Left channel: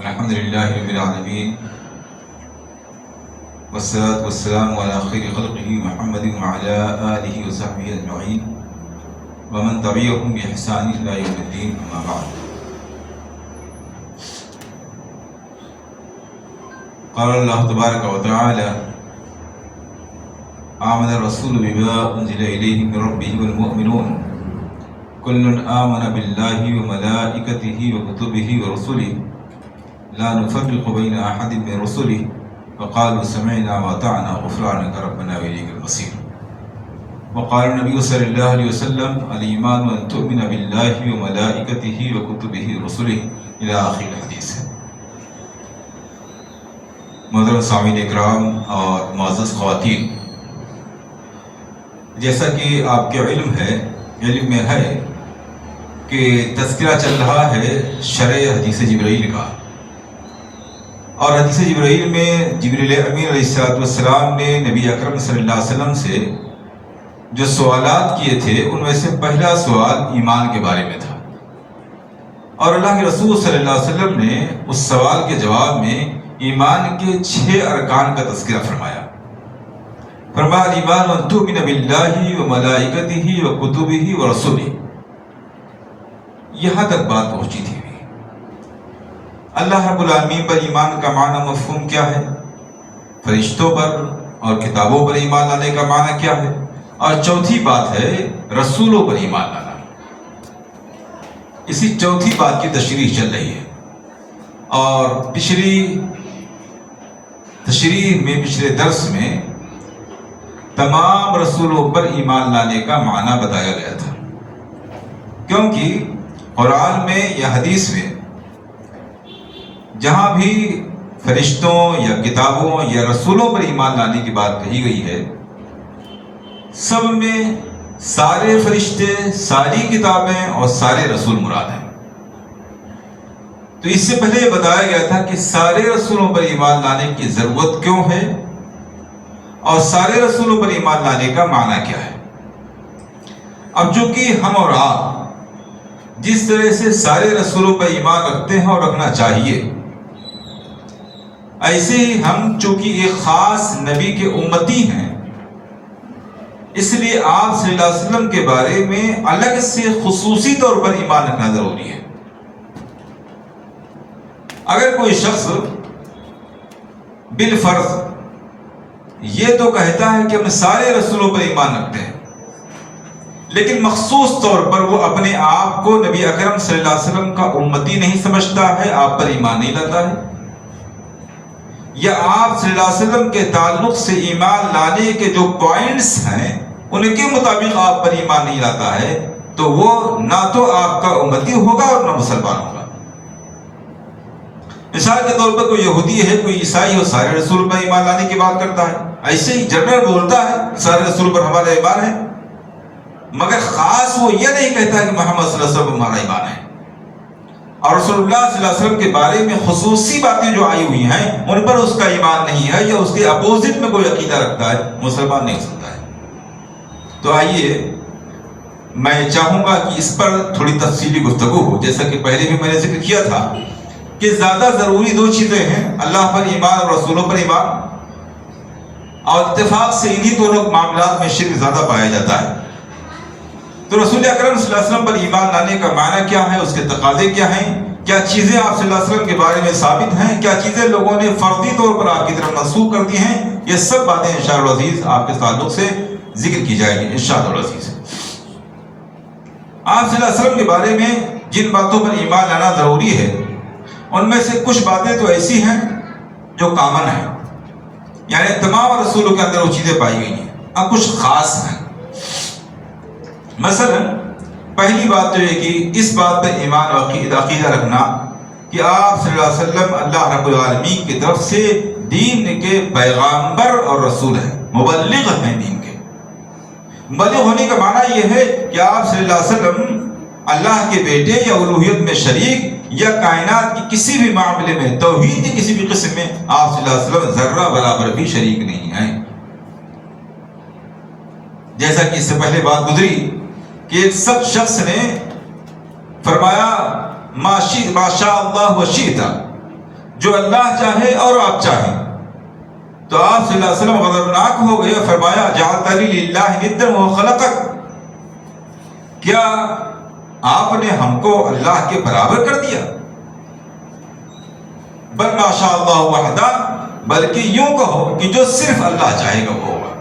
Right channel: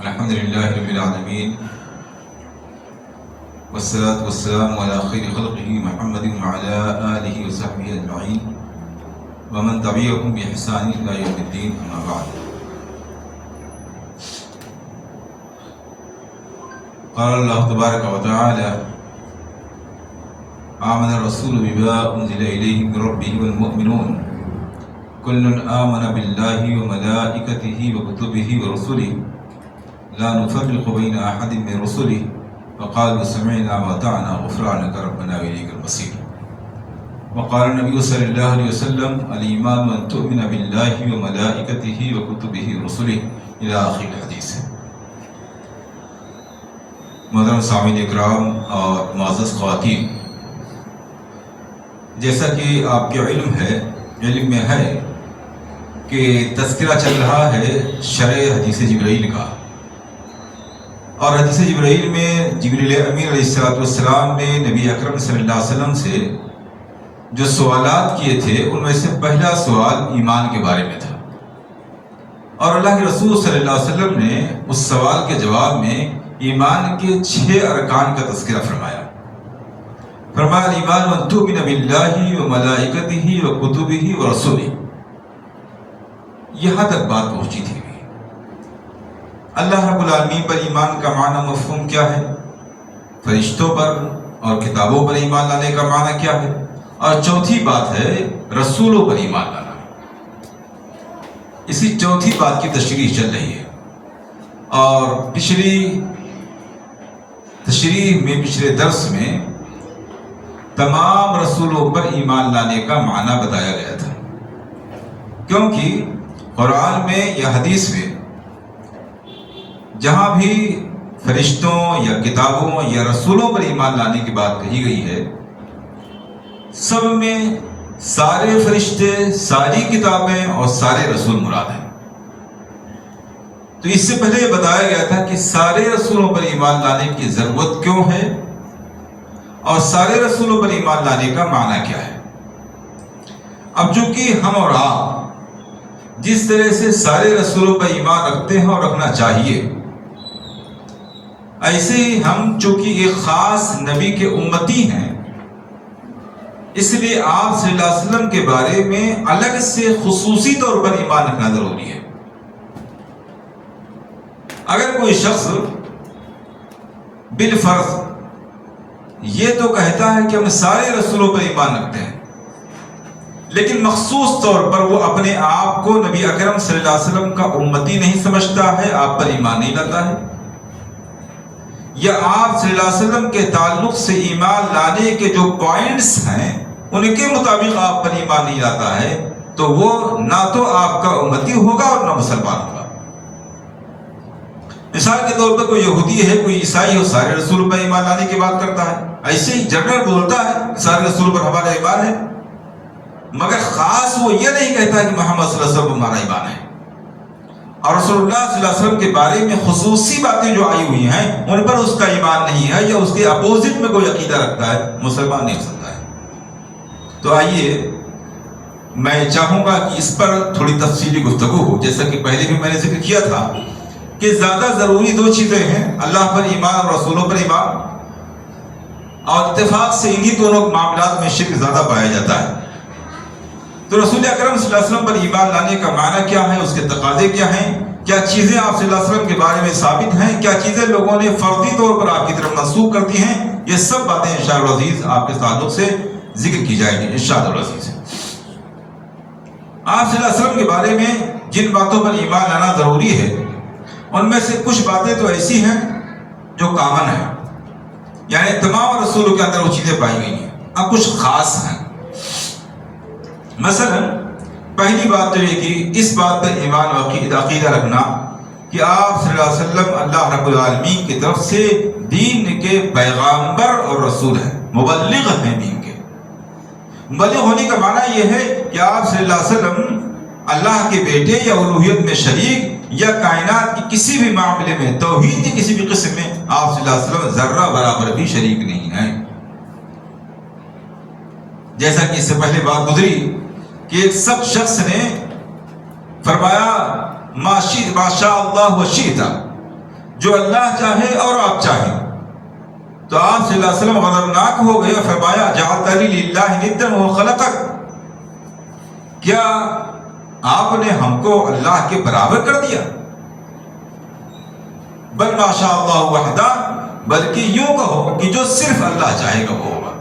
الحمد لله رب العالمين والصلاة والسلام على خير خلقه محمد وعلى آله وصحبه أجمعين ومن تبعهم بإحسان إلى يوم الدين أما بعد. قال الله تبارك وتعالى: آمن الرسول بما أنزل إليه من ربه والمؤمنون كل آمن بالله وملائكته وكتبه ورسله لا نفرق بين أحد من رسله وقالوا سمعنا وأطعنا غفرانك ربنا وإليك المصير. وقال النبي صلى الله عليه وسلم: الإيمان أن تؤمن بالله وملائكته وكتبه ورسله إلى آخر الحديث. محترم سامعین اکرام اور معزز خواتین، جیسا کہ آپ کے علم میں ہے کہ تذکرہ چل رہا ہے شرح حدیث جبرائیل کا، اور حدیث جبرائیل میں جبریل امین علیہ السلام نے نبی اکرم صلی اللہ علیہ وسلم سے جو سوالات کیے تھے ان میں سے پہلا سوال ایمان کے بارے میں تھا، اور اللہ کے رسول صلی اللہ علیہ وسلم نے اس سوال کے جواب میں ایمان کے 6 ارکان کا تذکرہ فرمایا. ایمان ان تؤمن باللہ وملائکتہ وکتبہ ورسلہ. یہاں تک بات پہنچی تھی. اللہ رب العالمین پر ایمان کا معنی مفہوم کیا ہے، فرشتوں پر اور کتابوں پر ایمان لانے کا معنی کیا ہے، اور چوتھی بات ہے رسولوں پر ایمان لانا. اسی چوتھی بات کی تشریح چل رہی ہے، اور پچھلے درس میں تمام رسولوں پر ایمان لانے کا معنی بتایا گیا تھا، کیونکہ قرآن میں یا حدیث میں جہاں بھی فرشتوں یا کتابوں یا رسولوں پر ایمان لانے کی بات کہی گئی ہے، سب میں سارے فرشتے، ساری کتابیں اور سارے رسول مراد ہیں. تو اس سے پہلے یہ بتایا گیا تھا کہ سارے رسولوں پر ایمان لانے کی ضرورت کیوں ہے، اور سارے رسولوں پر ایمان لانے کا معنی کیا ہے. اب چونکہ ہم اور آپ جس طرح سے سارے رسولوں پر ایمان رکھتے ہیں اور رکھنا چاہیے، ایسے ہی ہم چونکہ ایک خاص نبی کے امتی ہیں، اس لیے آپ صلی اللہ علیہ وسلم کے بارے میں الگ سے خصوصی طور پر ایمان رکھنا ضروری ہے. اگر کوئی شخص بالفرض یہ تو کہتا ہے کہ ہم سارے رسولوں پر ایمان رکھتے ہیں، لیکن مخصوص طور پر وہ اپنے آپ کو نبی اکرم صلی اللہ علیہ وسلم کا امتی نہیں سمجھتا ہے، آپ پر ایمان نہیں لاتا ہے، یا آپ صلی اللہ علیہ وسلم کے تعلق سے ایمان لانے کے جو پوائنٹس ہیں ان کے مطابق آپ پر ایمان نہیں لاتا ہے، تو وہ نہ تو آپ کا امتی ہوگا اور نہ مسلمان ہوگا. مثال کے طور پر کوئی یہودی ہے، کوئی عیسائی ہو، سارے رسول پر ایمان لانے کی بات کرتا ہے، ایسے ہی جنرل بولتا ہے سارے رسول پر ہمارا ایمان ہے، مگر خاص وہ یہ نہیں کہتا کہ محمد صلی اللہ علیہ وسلم ہمارا ایمان ہے. اور رسول اللہ صلی اللہ علیہ وسلم کے بارے میں خصوصی باتیں جو آئی ہوئی ہیں ان پر اس کا ایمان نہیں ہے، یا اس کے اپوزٹ میں کوئی عقیدہ رکھتا ہے، مسلمان نہیں ہو سکتا ہے. تو آئیے میں چاہوں گا کہ اس پر تھوڑی تفصیلی گفتگو ہو. جیسا کہ پہلے بھی میں نے ذکر کیا تھا کہ زیادہ ضروری 2 چیزیں ہیں: اللہ پر ایمان اور رسولوں پر ایمان. اور اتفاق سے انہی دونوں معاملات میں شرک زیادہ پایا جاتا ہے. تو رسول اکرم صلی اللہ علیہ وسلم پر ایمان لانے کا معنی کیا ہے، اس کے تقاضے کیا ہیں، کیا چیزیں آپ صلی اللہ علیہ وسلم کے بارے میں ثابت ہیں، کیا چیزیں لوگوں نے فردی طور پر آپ کی طرف منسوخ کر دی ہیں، یہ سب باتیں انشاءاللہ العزیز آپ کے تعلق سے ذکر کی جائے گی انشاءاللہ العزیز. آپ صلی اللہ علیہ وسلم کے بارے میں جن باتوں پر ایمان لانا ضروری ہے ان میں سے کچھ باتیں تو ایسی ہیں جو کامن ہیں، یعنی تمام رسولوں کے اندر وہ چیزیں پائی گئی ہیں. اب کچھ خاص ہیں. مثلا پہلی بات تو یہ کہ اس بات پر ایمان و عقیدہ رکھنا کہ آپ صلی اللہ علیہ وسلم اللہ رب العالمین کی طرف سے دین کے پیغامبر اور رسول ہیں، مبلغ ہیں دین کے. مبلغ ہونے کا معنی یہ ہے کہ آپ صلی اللہ علیہ وسلم اللہ کے بیٹے یا الوہیت میں شریک یا کائنات کی کسی بھی معاملے میں، توحید کی کسی بھی قسم میں آپ صلی اللہ علیہ وسلم ذرہ برابر بھی شریک نہیں ہیں. جیسا کہ اس سے پہلے بات گزری کہ ایک سب شخص نے فرمایا ما شاء اللہ و شئت، جو اللہ چاہے اور آپ چاہیں. تو آپ صلی اللہ علیہ وسلم غضبناک ہو گئے اور فرمایا جعلتنی للہ ندا وہو خلقک، کیا آپ نے ہم کو اللہ کے برابر کر دیا؟ بل ما شاء اللہ وحدہ، بلکہ یوں کہو کہ جو صرف اللہ چاہے گا وہ ہوگا.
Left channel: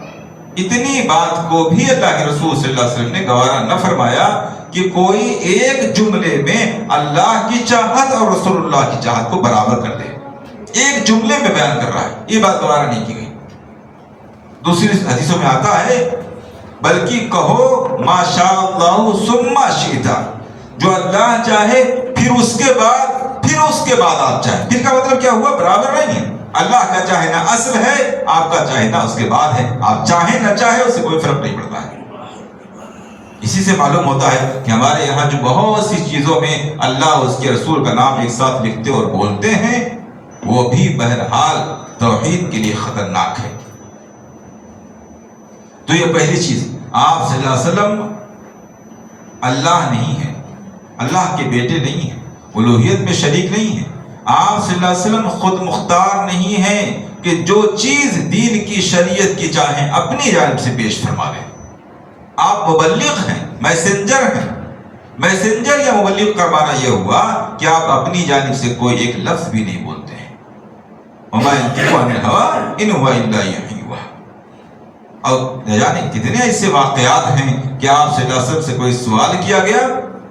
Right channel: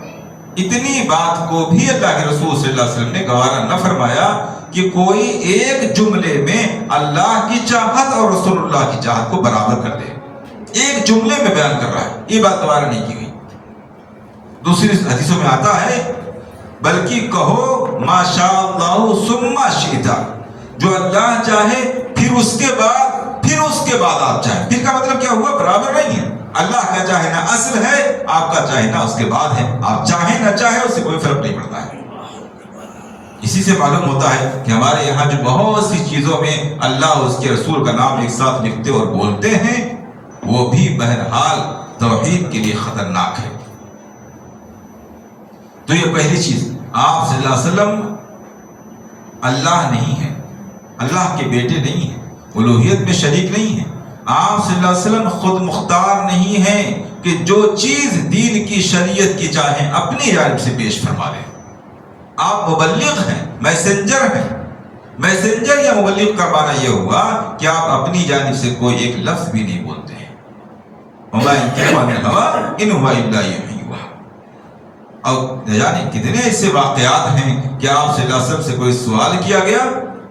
اتنی بات کو بھی اللہ کے رسول صلی اللہ علیہ وسلم نے گوارا نہ فرمایا کہ کوئی ایک جملے میں اللہ کی چاہت اور رسول اللہ کی چاہت کو برابر کر دے. ایک جملے میں بیان کر رہا ہے، یہ بات گوارا نہیں کی گئی. دوسری حدیثوں میں آتا ہے بلکہ کہو ما شاء اللہ ثم شئت، جو اللہ چاہے پھر اس کے بعد آپ چاہیں. پھر کا مطلب کیا ہوا؟ برابر نہیں ہے. اللہ کا چاہے نہ اصل ہے، آپ کا چاہے نہ اس کے بعد ہے. آپ چاہیں نہ چاہیں اس سے کوئی فرق نہیں پڑتا ہے. اسی سے معلوم ہوتا ہے کہ ہمارے یہاں جو بہت سی چیزوں میں اللہ اور اس کے رسول کا نام ایک ساتھ لکھتے اور بولتے ہیں وہ بھی بہرحال توحید کے لیے خطرناک ہے. تو یہ پہلی چیز، آپ صلی اللہ علیہ وسلم اللہ نہیں ہیں، اللہ کے بیٹے نہیں ہیں، الوہیت میں شریک نہیں ہیں. آپ صلی اللہ علیہ وسلم خود مختار نہیں ہیں کہ جو چیز دین کی شریعت کی چاہیں اپنی جانب سے پیش فرما لیں. آپ مبلغ ہیں، میسنجر ہیں. میسنجر یا مبلغ کا معنی یہ ہوا کہ آپ اپنی جانب سے کوئی ایک لفظ بھی نہیں بولتے ہیں. وما ينطق عن الهوى ان هو الا وحی یوحی. اور نہ جانے کتنے ایسے واقعات ہیں کہ آپ صلی اللہ علیہ وسلم سے کوئی سوال کیا گیا،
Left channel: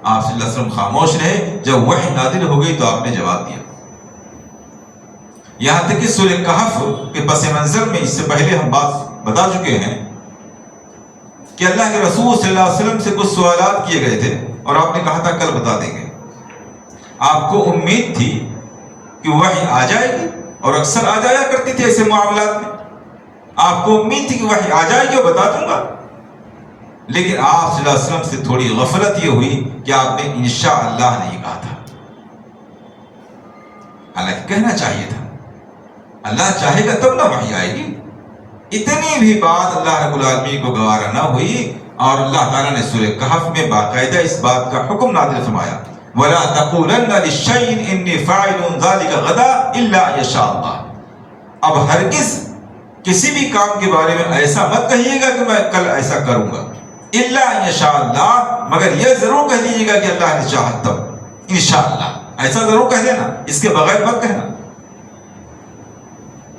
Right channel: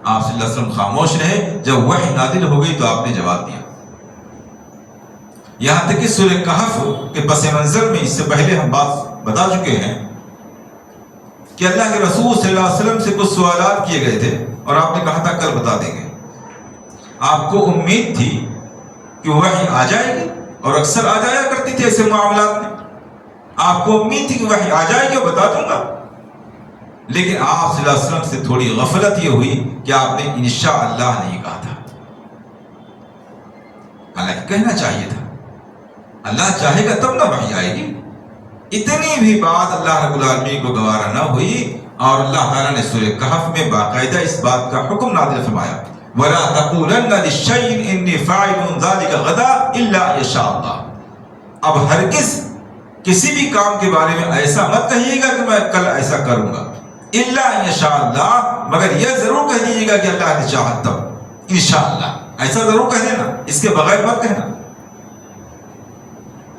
آپ صلی اللہ علیہ وسلم خاموش رہے، جب وحی نازل ہو گئی تو آپ نے جواب دیا. یہاں تک کہ سورہ کہف کے پس منظر میں اس سے پہلے ہم بات بتا چکے ہیں کہ اللہ کے رسول صلی اللہ علیہ وسلم سے کچھ سوالات کیے گئے تھے اور آپ نے کہا تھا کل بتا دیں گے. آپ کو امید تھی کہ وحی آ جائے گی اور اکثر آ جایا کرتی تھی ایسے معاملات میں. آپ کو امید تھی کہ وحی آ جائے گی اور بتا دوں گا. لیکن آپ صلی اللہ علیہ وسلم سے تھوڑی غفلت یہ ہوئی کہ آپ نے انشاءاللہ نہیں کہا تھا. حالانکہ کہنا چاہیے تھا، اللہ چاہے گا تب نہ وحی آئے گی. اتنی بھی بات اللہ رب العالمین کو گوارا نہ ہوئی اور اللہ تعالیٰ نے سورہ کہف میں باقاعدہ اس بات کا حکم نازل فرمایا وَلَا تَقُولَنَّ لِلشَّيْءٍ إِنِّي فَاعِلٌ ذَلِكَ غَدًا إِلَّا يَشَاءَ اللَّهُ. اب ہرگز کسی بھی کام کے بارے میں ایسا مت کہیے گا کہ میں کل ایسا کروں گا، الا انشاء اللہ، مگر یہ ضرور کہہ دیجیے گا کہ اللہ نے چاہا تب انشاءاللہ. ایسا ضرور کہہ دینا، اس کے بغیر مت کہنا.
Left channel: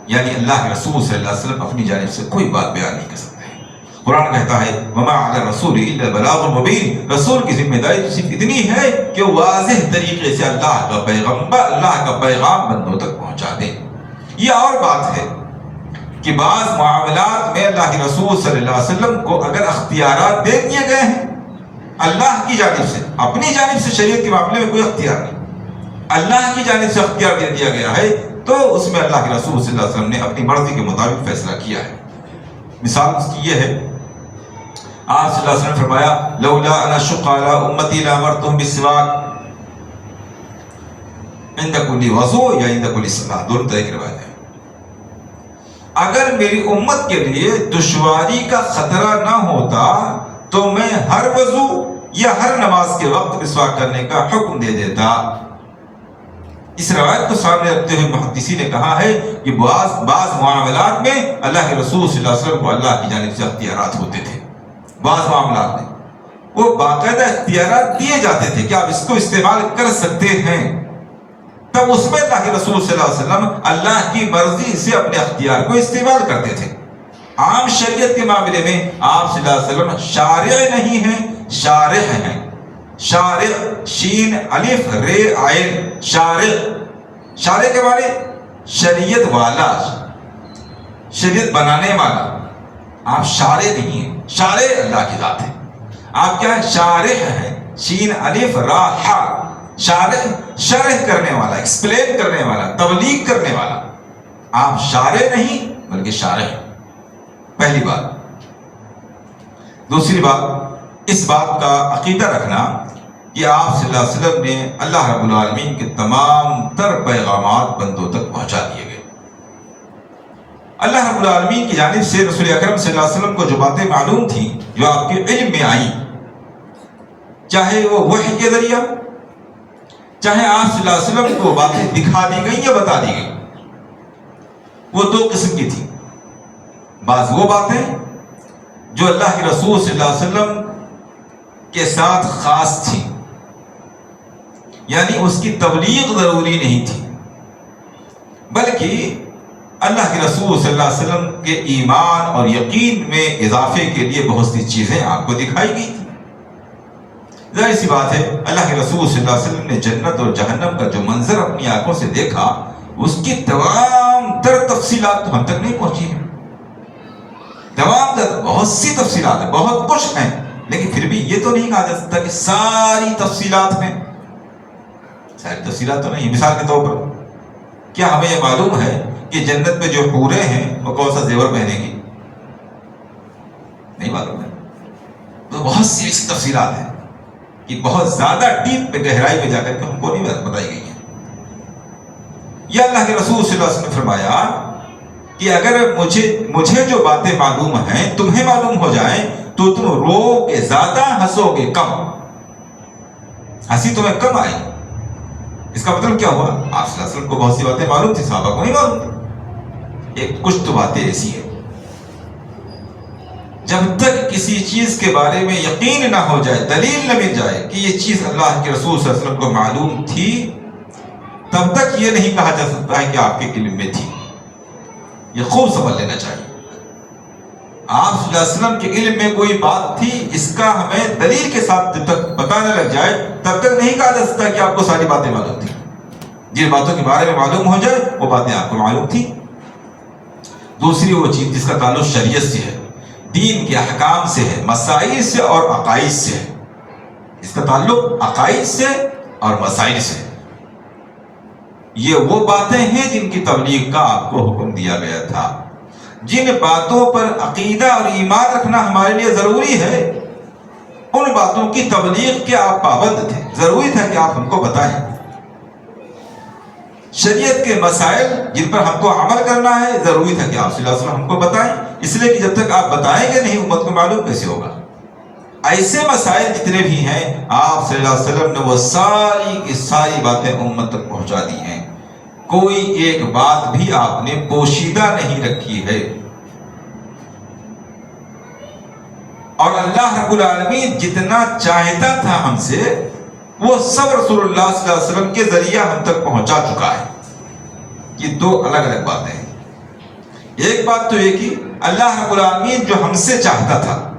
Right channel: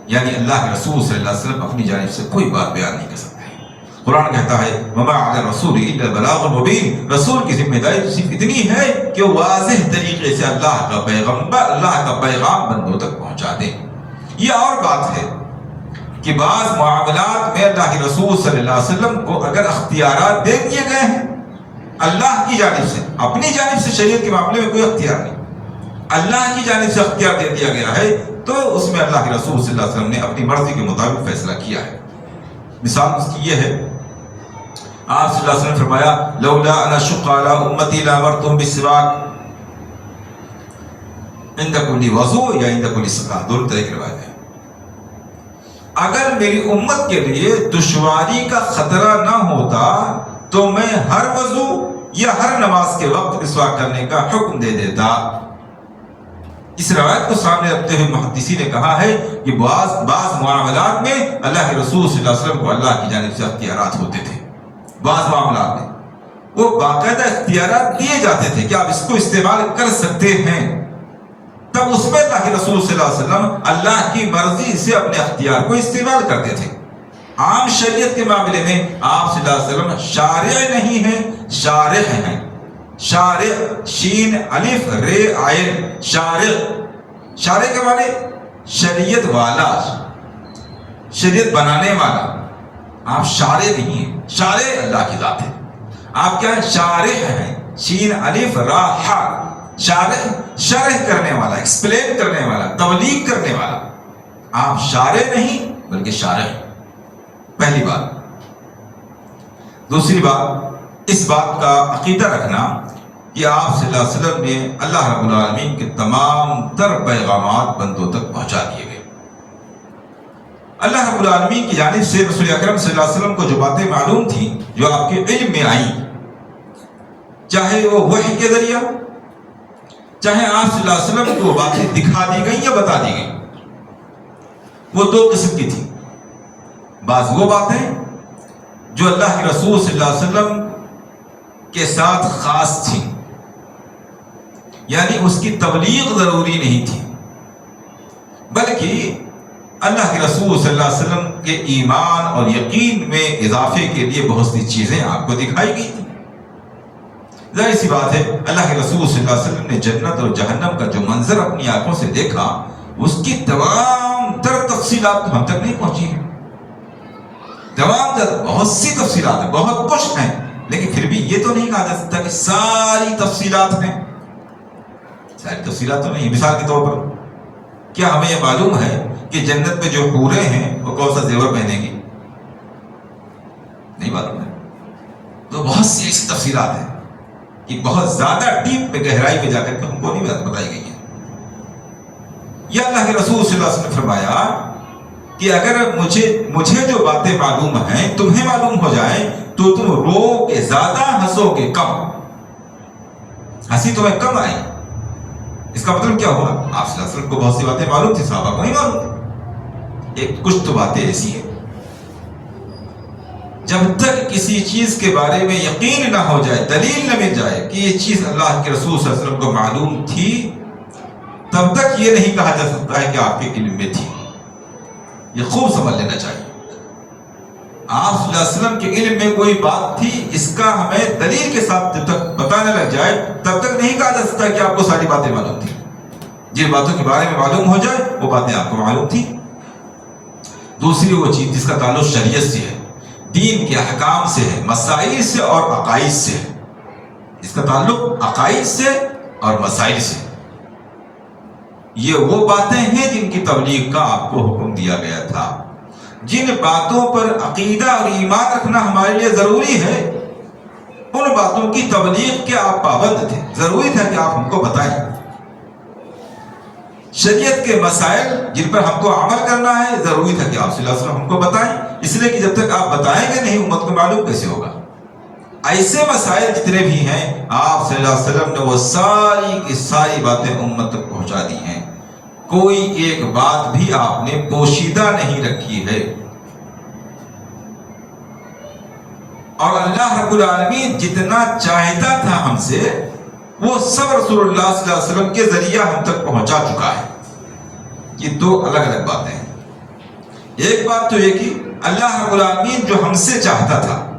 یعنی اللہ کے رسول صلی اللہ علیہ وسلم اپنی جانب سے کوئی بات بیان نہیں کر سکتے ہیں. قرآن کہتا ہے وما علی الرسول الا البلاغ المبین، رسول کی ذمہ داری صرف اتنی ہے کہ واضح طریقے سے اللہ کا پیغام بندوں تک پہنچا دے. یہ اور بات ہے کہ بعض معاملات میں اللہ کے رسول صلی اللہ علیہ وسلم کو اگر اختیارات دے دیے گئے ہیں اللہ کی جانب سے، اپنی جانب سے شریعت کے معاملے میں کوئی اختیار نہیں، اللہ کی جانب سے اختیار دے دیا گیا ہے، تو اس میں اللہ کے رسول صلی اللہ علیہ وسلم نے اپنی مرضی کے مطابق فیصلہ کیا ہے. مثال اس کی یہ ہے، آپ صلی اللہ علیہ وسلم نے فرمایا لولا ان اشق علی امتی لامرتهم بالسواک عند كل وضوء یا عند كل صلاۃ، دونوں طرح کی روایت ہے. اگر میری امت کے لیے دشواری کا خطرہ نہ ہوتا تو میں ہر وضو یا ہر نماز کے وقت مسواک کرنے کا حکم دے دیتا. اس روایت کو سامنے رکھتے ہوئے محدثین نے کہا ہے کہ بعض معاملات میں اللہ کے رسول صلی اللہ علیہ وسلم کو اللہ کی جانب سے اختیارات ہوتے تھے. بعض معاملات میں وہ باقاعدہ اختیارات دیے جاتے تھے کہ آپ اس کو استعمال کر سکتے ہیں، تب اس میں اللہ کے رسول صلی اللہ علیہ وسلم اللہ کی مرضی سے اپنے اختیار کو استعمال کرتے تھے. عام شریعت کے معاملے میں آپ صلی اللہ علیہ وسلم شارع نہیں ہیں، شارح ہیں. شارع شین الف رے عین، شارع کے معنی شریعت والا، شریعت بنانے والا. آپ شارع نہیں ہیں، شارع اللہ کی ذات ہے. آپ کیا ہیں؟ شارح ہیں، شین الف را حا. شارح شرح کرنے والا، ایکسپلین کرنے والا، تبلیغ کرنے والا. آپ شارع نہیں بلکہ شارح. پہلی بات. دوسری بات، اس بات کا عقیدہ رکھنا کہ آپ صلی اللہ علیہ وسلم نے اللہ رب العالمین کے تمام تر پیغامات بندوں تک پہنچا دیے گئے. اللہ رب العالمین کی جانب سے رسول اکرم صلی اللہ علیہ وسلم کو جو باتیں معلوم تھیں، جو آپ کے علم میں آئیں، چاہے وہ وحی کے ذریعہ، چاہے آپ صلی اللہ علیہ وسلم کو باتیں دکھا دی گئی یا بتا دی گئی، وہ دو قسم کی تھی۔ بعض وہ باتیں جو اللہ کے رسول صلی اللہ علیہ وسلم کے ساتھ خاص تھی، یعنی اس کی تبلیغ ضروری نہیں تھی، بلکہ اللہ کے رسول صلی اللہ علیہ وسلم کے ایمان اور یقین میں اضافے کے لیے بہت سی چیزیں آپ کو دکھائی گئی تھی۔ ظاہر سی بات ہے، اللہ کے رسول صلی اللہ علیہ وسلم نے جنت اور جہنم کا جو منظر اپنی آنکھوں سے دیکھا، اس کی تمام تر تفصیلات ہم تک نہیں پہنچی ہیں۔ تمام تر بہت سی تفصیلات ہیں، بہت کچھ ہیں، لیکن پھر بھی یہ تو نہیں کہا جا سکتا کہ ساری تفصیلات ہیں۔ ساری تفصیلات تو نہیں۔ مثال کے طور پر کیا ہمیں یہ معلوم ہے کہ جنت میں جو حوریں ہیں وہ کون سا زیور پہنیں گی؟ نہیں معلوم ہے۔ تو بہت سی ایسی تفصیلات ہیں کہ بہت زیادہ ڈیپ میں، گہرائی میں جا کر کے ہم کو نہیں بتائی گئی ہیں۔ یہ اللہ کے رسول صلی اللہ علیہ وسلم نے فرمایا کہ اگر مجھے جو باتیں معلوم ہیں تمہیں معلوم ہو جائیں تو تم رو گے زیادہ، ہنسو گے کم، ہنسی تمہیں کم آئے۔ اس کا مطلب کیا ہوا؟ آپ صلی اللہ علیہ وسلم کو بہت سی باتیں معلوم تھی، صحابہ کو نہیں معلوم تھی۔ ایک کچھ تو باتیں ایسی ہیں جب تک کسی چیز کے بارے میں یقین نہ ہو جائے، دلیل نہ مل جائے کہ یہ چیز اللہ کے رسول صلی اللہ علیہ وسلم کو معلوم تھی، تب تک یہ نہیں کہا جا سکتا ہے کہ آپ کے علم میں تھی۔ یہ خوب سمجھ لینا چاہیے۔ آپ صلی اللہ علیہ وسلم کے علم میں کوئی بات تھی، اس کا ہمیں دلیل کے ساتھ جب تک پتہ نہ لگ جائے تب تک نہیں کہا جا سکتا کہ آپ کو ساری باتیں معلوم تھی۔ جن باتوں کے بارے میں معلوم ہو جائے وہ باتیں آپ کو معلوم تھی۔ دوسری وہ چیز جس کا تعلق شریعت سے ہے، دین کے احکام سے ہے، مسائل سے اور عقائد سے ہے۔ اس کا تعلق عقائد سے اور مسائل سے ہے۔ یہ وہ باتیں ہیں جن کی تبلیغ کا آپ کو حکم دیا گیا تھا۔ جن باتوں پر عقیدہ اور ایمان رکھنا ہمارے لیے ضروری ہے، ان باتوں کی تبلیغ کے آپ پابند تھے، ضروری تھا کہ آپ ہم کو بتائیں۔ شریعت کے مسائل جن پر ہم کو عمل کرنا ہے، ضروری تھا کہ آپ صلی اللہ علیہ وسلم ہم کو بتائیں، اس لیے کہ جب تک آپ بتائیں گے نہیں امت کو معلوم کیسے ہوگا۔ ایسے مسائل جتنے بھی ہیں آپ صلی اللہ علیہ وسلم نے وہ ساری کی ساری باتیں امت تک پہنچا دی ہیں۔ کوئی ایک بات بھی آپ نے پوشیدہ نہیں رکھی ہے۔ اور اللہ رب العالمین جتنا چاہتا تھا ہم سے وہ سب رسول اللہ صلی اللہ علیہ وسلم کے ذریعہ ہم تک پہنچا چکا ہے۔ یہ دو الگ الگ باتیں ہیں۔ ایک بات تو یہ کہ اللہ رب العالمین جو ہم سے چاہتا تھا،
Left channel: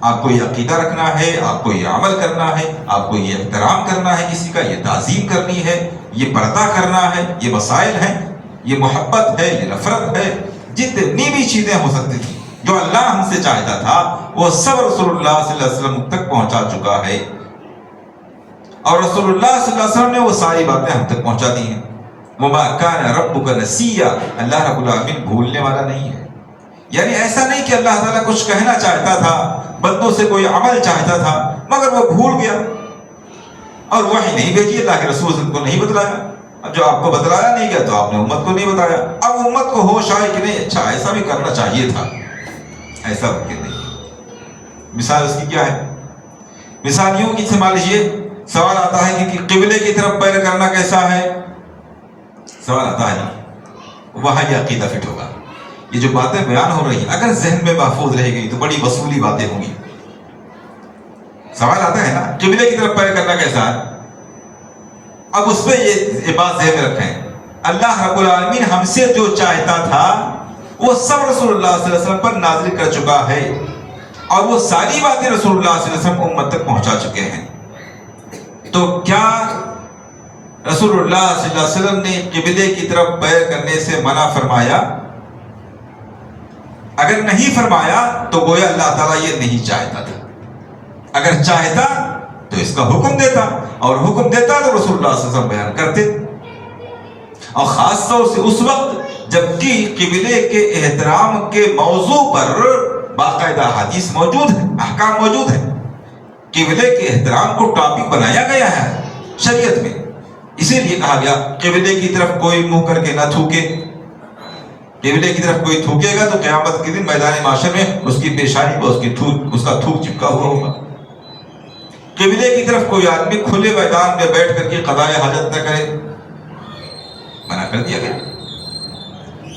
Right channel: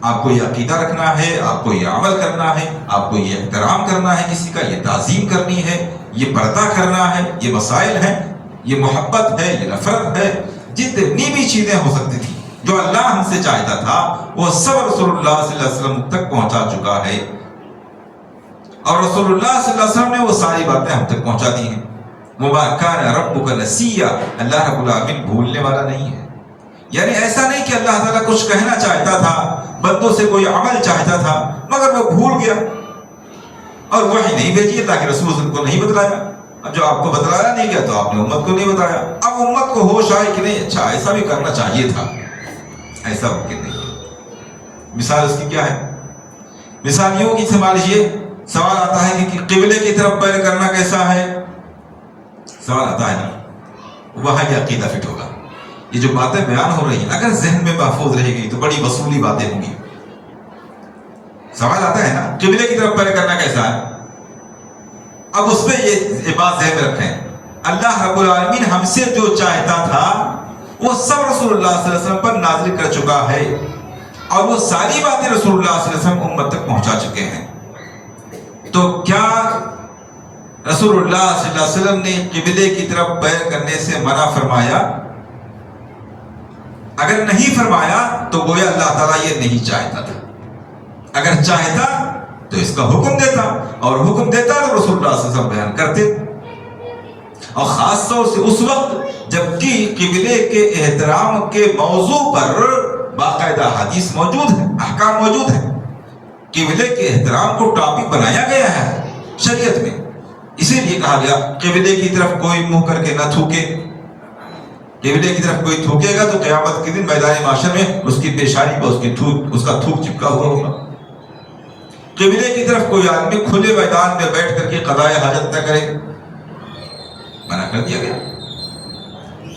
آپ کو یہ عقیدہ رکھنا ہے، آپ کو یہ عمل کرنا ہے، آپ کو یہ احترام کرنا ہے، کسی کا یہ تعظیم کرنی ہے، یہ پردہ کرنا ہے، یہ مسائل ہیں، یہ محبت ہے، یہ نفرت ہے، جتنی بھی چیزیں ہو سکتی تھی جو اللہ ہم سے چاہتا تھا وہ سب رسول اللہ صلی اللہ علیہ وسلم تک پہنچا چکا ہے۔ اور رسول اللہ صلی اللہ علیہ وسلم نے وہ ساری باتیں ہم تک پہنچا دی ہیں۔ وَمَا كَانَ رَبُّكَ نَسِيًّا، اللہ رب العالمین بھولنے والا نہیں ہے۔ یعنی ایسا نہیں کہ اللہ تعالیٰ کچھ کہنا چاہتا تھا، بندوں سے کوئی عمل چاہتا تھا مگر وہ بھول گیا اور وحی نہیں بھیجی، اللہ کے رسول ان کو نہیں بتلایا۔ اب جو آپ کو بتلایا نہیں گیا تو آپ نے امت کو نہیں بتایا۔ اب امت کو ہوش آئے کہ نہیں اچھا ایسا بھی کرنا چاہیے تھا، ایسا ممکن نہیں۔ مثال اس کی کیا ہے؟ مثال یوں کہ مان لیجیے سوال آتا ہے کہ قبلے کی طرف پیر کرنا کیسا ہے؟ سوال آتا ہے نا، وہاں یہ عقیدہ فٹ ہوگا۔ یہ جو باتیں بیان ہو رہی ہیں اگر ذہن میں محفوظ رہے گی تو بڑی وصولی باتیں ہوں گی۔ سوال آتا ہے نا قبلے کی طرف پیر کرنا کیسا ہے؟ اب اس پہ یہ بات ذہن میں رکھیں، اللہ رب العالمین ہم سے جو چاہتا تھا وہ سب رسول اللہ صلی اللہ علیہ وسلم پر نازل کر چکا ہے، اور وہ ساری باتیں رسول اللہ صلی اللہ علیہ وسلم امت تک پہنچا چکے ہیں۔ تو کیا رسول اللہ صلی اللہ علیہ وسلم نے قبلے کی طرف پیر کرنے سے منع فرمایا؟ اگر نہیں فرمایا تو گویا اللہ تعالیٰ یہ نہیں چاہتا تھا۔ اگر چاہتا تو اس کا حکم دیتا، اور حکم دیتا تو رسول اللہ صلی اللہ علیہ وسلم بیان کرتے۔ اور خاص طور سے اس وقت جبکہ قبلے کے احترام کے موضوع پر باقاعدہ حدیث موجود ہے، احکام موجود ہے۔ قبلے کے احترام کو ٹاپک بنایا گیا ہے شریعت میں، اسی لیے کہا گیا قبلے کی طرف کوئی منہ کر کے نہ تھوکے۔ قبلے کی طرف کوئی تھوکے گا تو قیامت کے دن میدان معاشر میں اس کی پیشانی پر اس کا تھوک چپکا ہوا ہوگا۔ قبلے کی طرف کوئی آدمی کھلے میدان میں بیٹھ کر کے قضائے حاجت نہ کرے، منع کر دیا گیا۔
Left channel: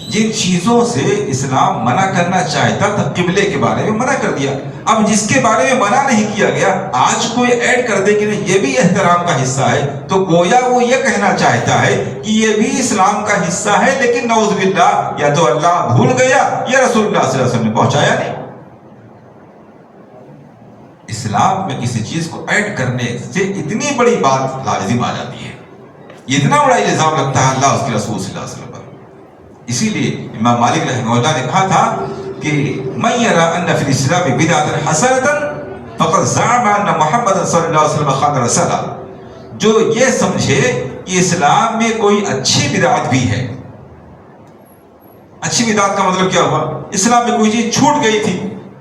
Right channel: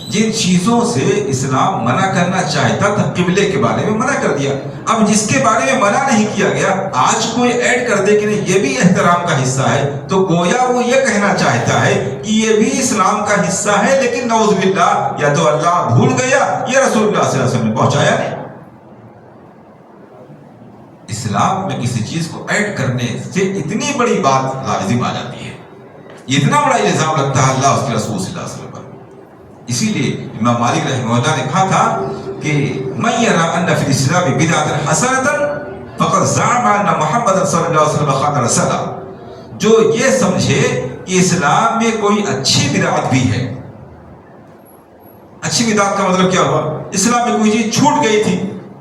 جن چیزوں سے اسلام منع کرنا چاہتا تھا قبلے کے بارے میں منع کر دیا۔ اب جس کے بارے میں منع نہیں کیا گیا آج کوئی ایڈ کر دے کہ نہیں یہ بھی احترام کا حصہ ہے، تو گویا وہ یہ کہنا چاہتا ہے کہ یہ بھی اسلام کا حصہ ہے، لیکن نعوذ باللہ یا تو اللہ بھول گیا یا رسول اللہ صلی اللہ علیہ وسلم نے پہنچایا نہیں۔ اسلام میں کسی چیز کو ایڈ کرنے سے اتنی بڑی بات لازم آ جاتی ہے، اتنا بڑا الزام لگتا ہے اللہ اس کے رسول صلی اللہ علیہ وسلم پر۔ اسی لیے امام مالک رحمہ اللہ نے کہا تھا کہ من یرا ان فی الاسلام بدعۃ حسنۃ فقد زعم ان محمد صلی اللہ علیہ وسلم خان رسولہ، جو یہ سمجھے کہ اسلام میں کوئی اچھی بدعت بھی ہے۔ اچھی بدعت کا مطلب کیا ہوا؟ اسلام میں کوئی چیز چھوٹ گئی تھی،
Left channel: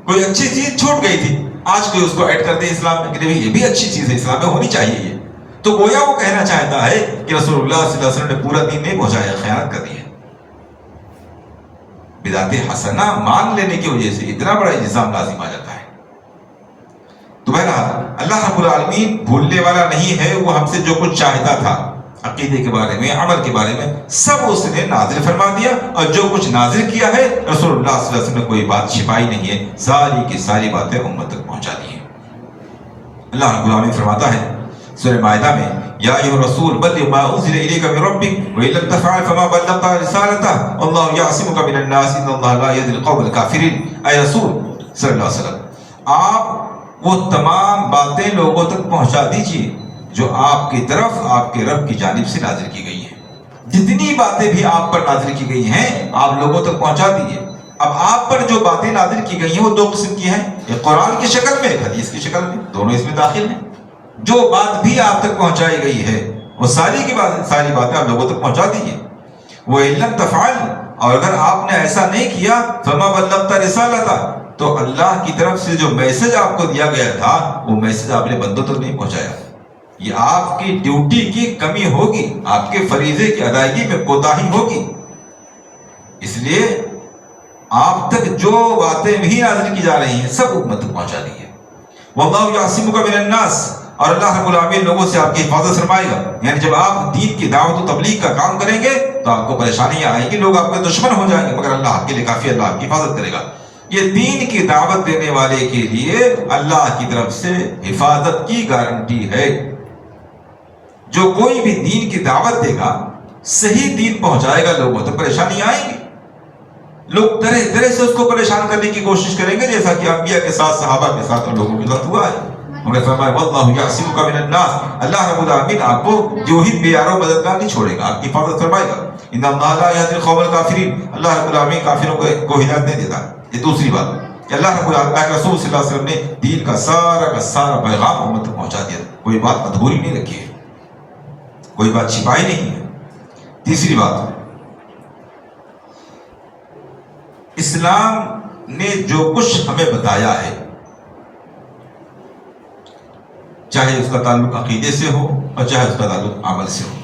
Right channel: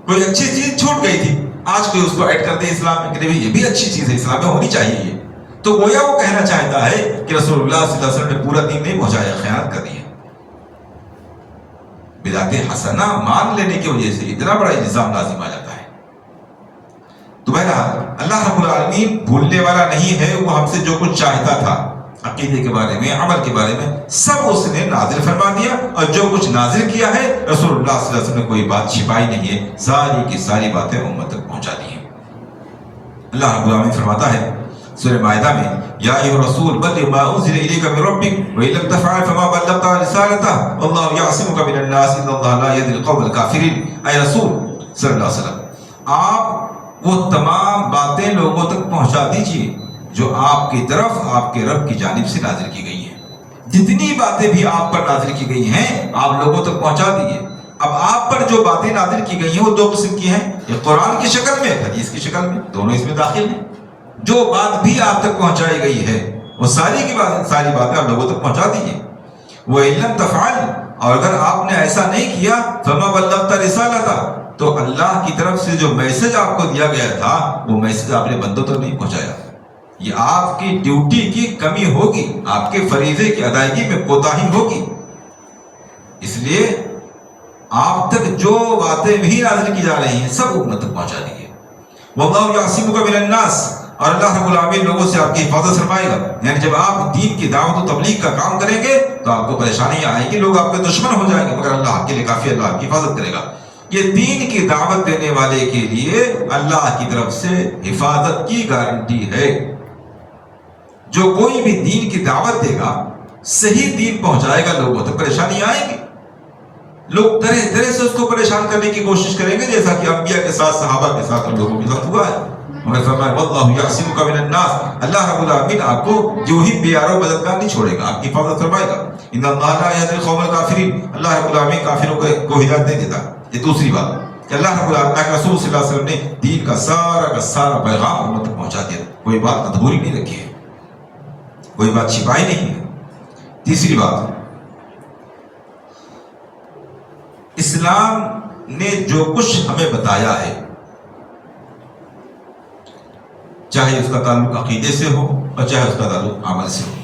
کوئی اچھی چیز چھوٹ گئی تھی، آج کوئی اس کو ایڈ کر دے اسلام میں کہ یہ بھی اچھی چیز ہے، اسلام میں ہونی چاہیے یہ، تو گویا وہ کہنا چاہتا ہے کہ رسول اللہ صلی اللہ علیہ وسلم نے پورا دین نہیں پہنچایا، خیانت کر دی ہے۔ بدعت حسنہ مان لینے کی وجہ سے اتنا بڑا الزام لازم آ جاتا ہے۔ تو بہرحال اللہ رب العالمین بھولنے والا نہیں ہے، وہ ہم سے جو کچھ چاہتا تھا عقیدے کے بارے میں، عمل کے بارے میں، سب اس نے نازل فرما دیا، اور جو کچھ نازل کیا ہے رسول اللہ صلی اللہ علیہ وسلم نے کوئی بات چھپائی نہیں ہے، ساری کی ساری باتیں امت تک پہنچا دی ہیں۔ اللہ رب العالمین فرماتا ہے سورہ مائدہ میں، یا ایھا الرسول بلغ ما انزل الیک من ربک وان لم تفعل فما بلغت رسالتہ واللہ یعصمک من الناس ان اللہ لا یہدی القوم الکافرین۔ اے رسول صلی اللہ علیہ وسلم، آپ وہ تمام باتیں لوگوں تک پہنچا دیجیے جو آپ کی طرف آپ کے رب کی جانب سے نازل کی گئی ہیں۔ جتنی باتیں بھی آپ پر نازل کی گئی ہیں آپ لوگوں تک پہنچا دیجیے۔ اب آپ پر جو باتیں نازل کی گئی ہیں وہ دو قسم کی ہیں، ایک قرآن کی شکل میں، حدیث کی شکل میں، دونوں اس میں داخل ہیں۔ جو بات بھی آپ تک پہنچائی گئی ہے وہ ساری باتیں آپ لوگوں تک پہنچا دیجیے۔ وَإِن لَمْ تَفْعَلْ، اور اگر آپ نے ایسا نہیں کیا فَمَا بَلَّغْتَ رِسَالَتَهُ، تو اللہ کی طرف سے جو میسج آپ کو دیا گیا تھا وہ میسج آپ نے بندوں تک نہیں پہنچایا۔ یہ آپ کی ڈیوٹی کی کمی ہوگی، آپ کے فریضے کی ادائیگی میں کوتاہی ہوگی، اس لیے آپ تک جو باتیں بھی نازل کی جا رہی ہیں سب امت تک پہنچا دیجیے۔ وَاللَّهُ يَعْصِمُكَ مِنَ النَّاسِ، اور اللہ رب العالمین لوگوں سے آپ کی حفاظت فرمائے گا۔ یعنی جب آپ دین کی دعوت و تبلیغ کا کام کریں گے تو آپ کو پریشانیاں آئیں گی، لوگ آپ کے دشمن ہو جائیں گے، مگر اللہ آپ کے لیے کافی، اللہ آپ کی حفاظت کرے گا۔ یہ دین کی دعوت دینے والے کے لیے اللہ کی طرف سے حفاظت کی گارنٹی ہے۔ جو کوئی بھی دین کی دعوت دے گا، صحیح دین پہنچائے گا، لوگوں تک پریشانی آئیں گی، لوگ طرح طرح سے اس کو پریشان کرنے کی کوشش کریں گے، جیسا کہ انبیاء کے ساتھ، صحابہ کے ساتھ، ان لوگوں کے ساتھ ہوا ہے۔ مگر فرمایا واللہ یعصمک من الناس، اللہ رب العالمین آپ کو جو ہی بے یارو مددگار نہیں چھوڑے گا، آپ کی حفاظت فرمائے گا۔ ان اللہ لا یہدی القوم الکافرین، اللہ رب العالمین کافروں کو ہدایت نہیں دیتا۔ یہ دوسری بات کہ اللہ رب العالمین کے رسول صلی اللہ علیہ وسلم نے دین کا سارا پیغام امت تک پہنچا دیا، کوئی بات ادھوری نہیں رکھی ہے، کوئی بات چھپائی نہیں ہے۔ تیسری بات، اسلام نے جو کچھ ہمیں بتایا ہے، چاہے اس کا تعلق عقیدے سے ہو اور چاہے اس کا تعلق عمل سے ہو،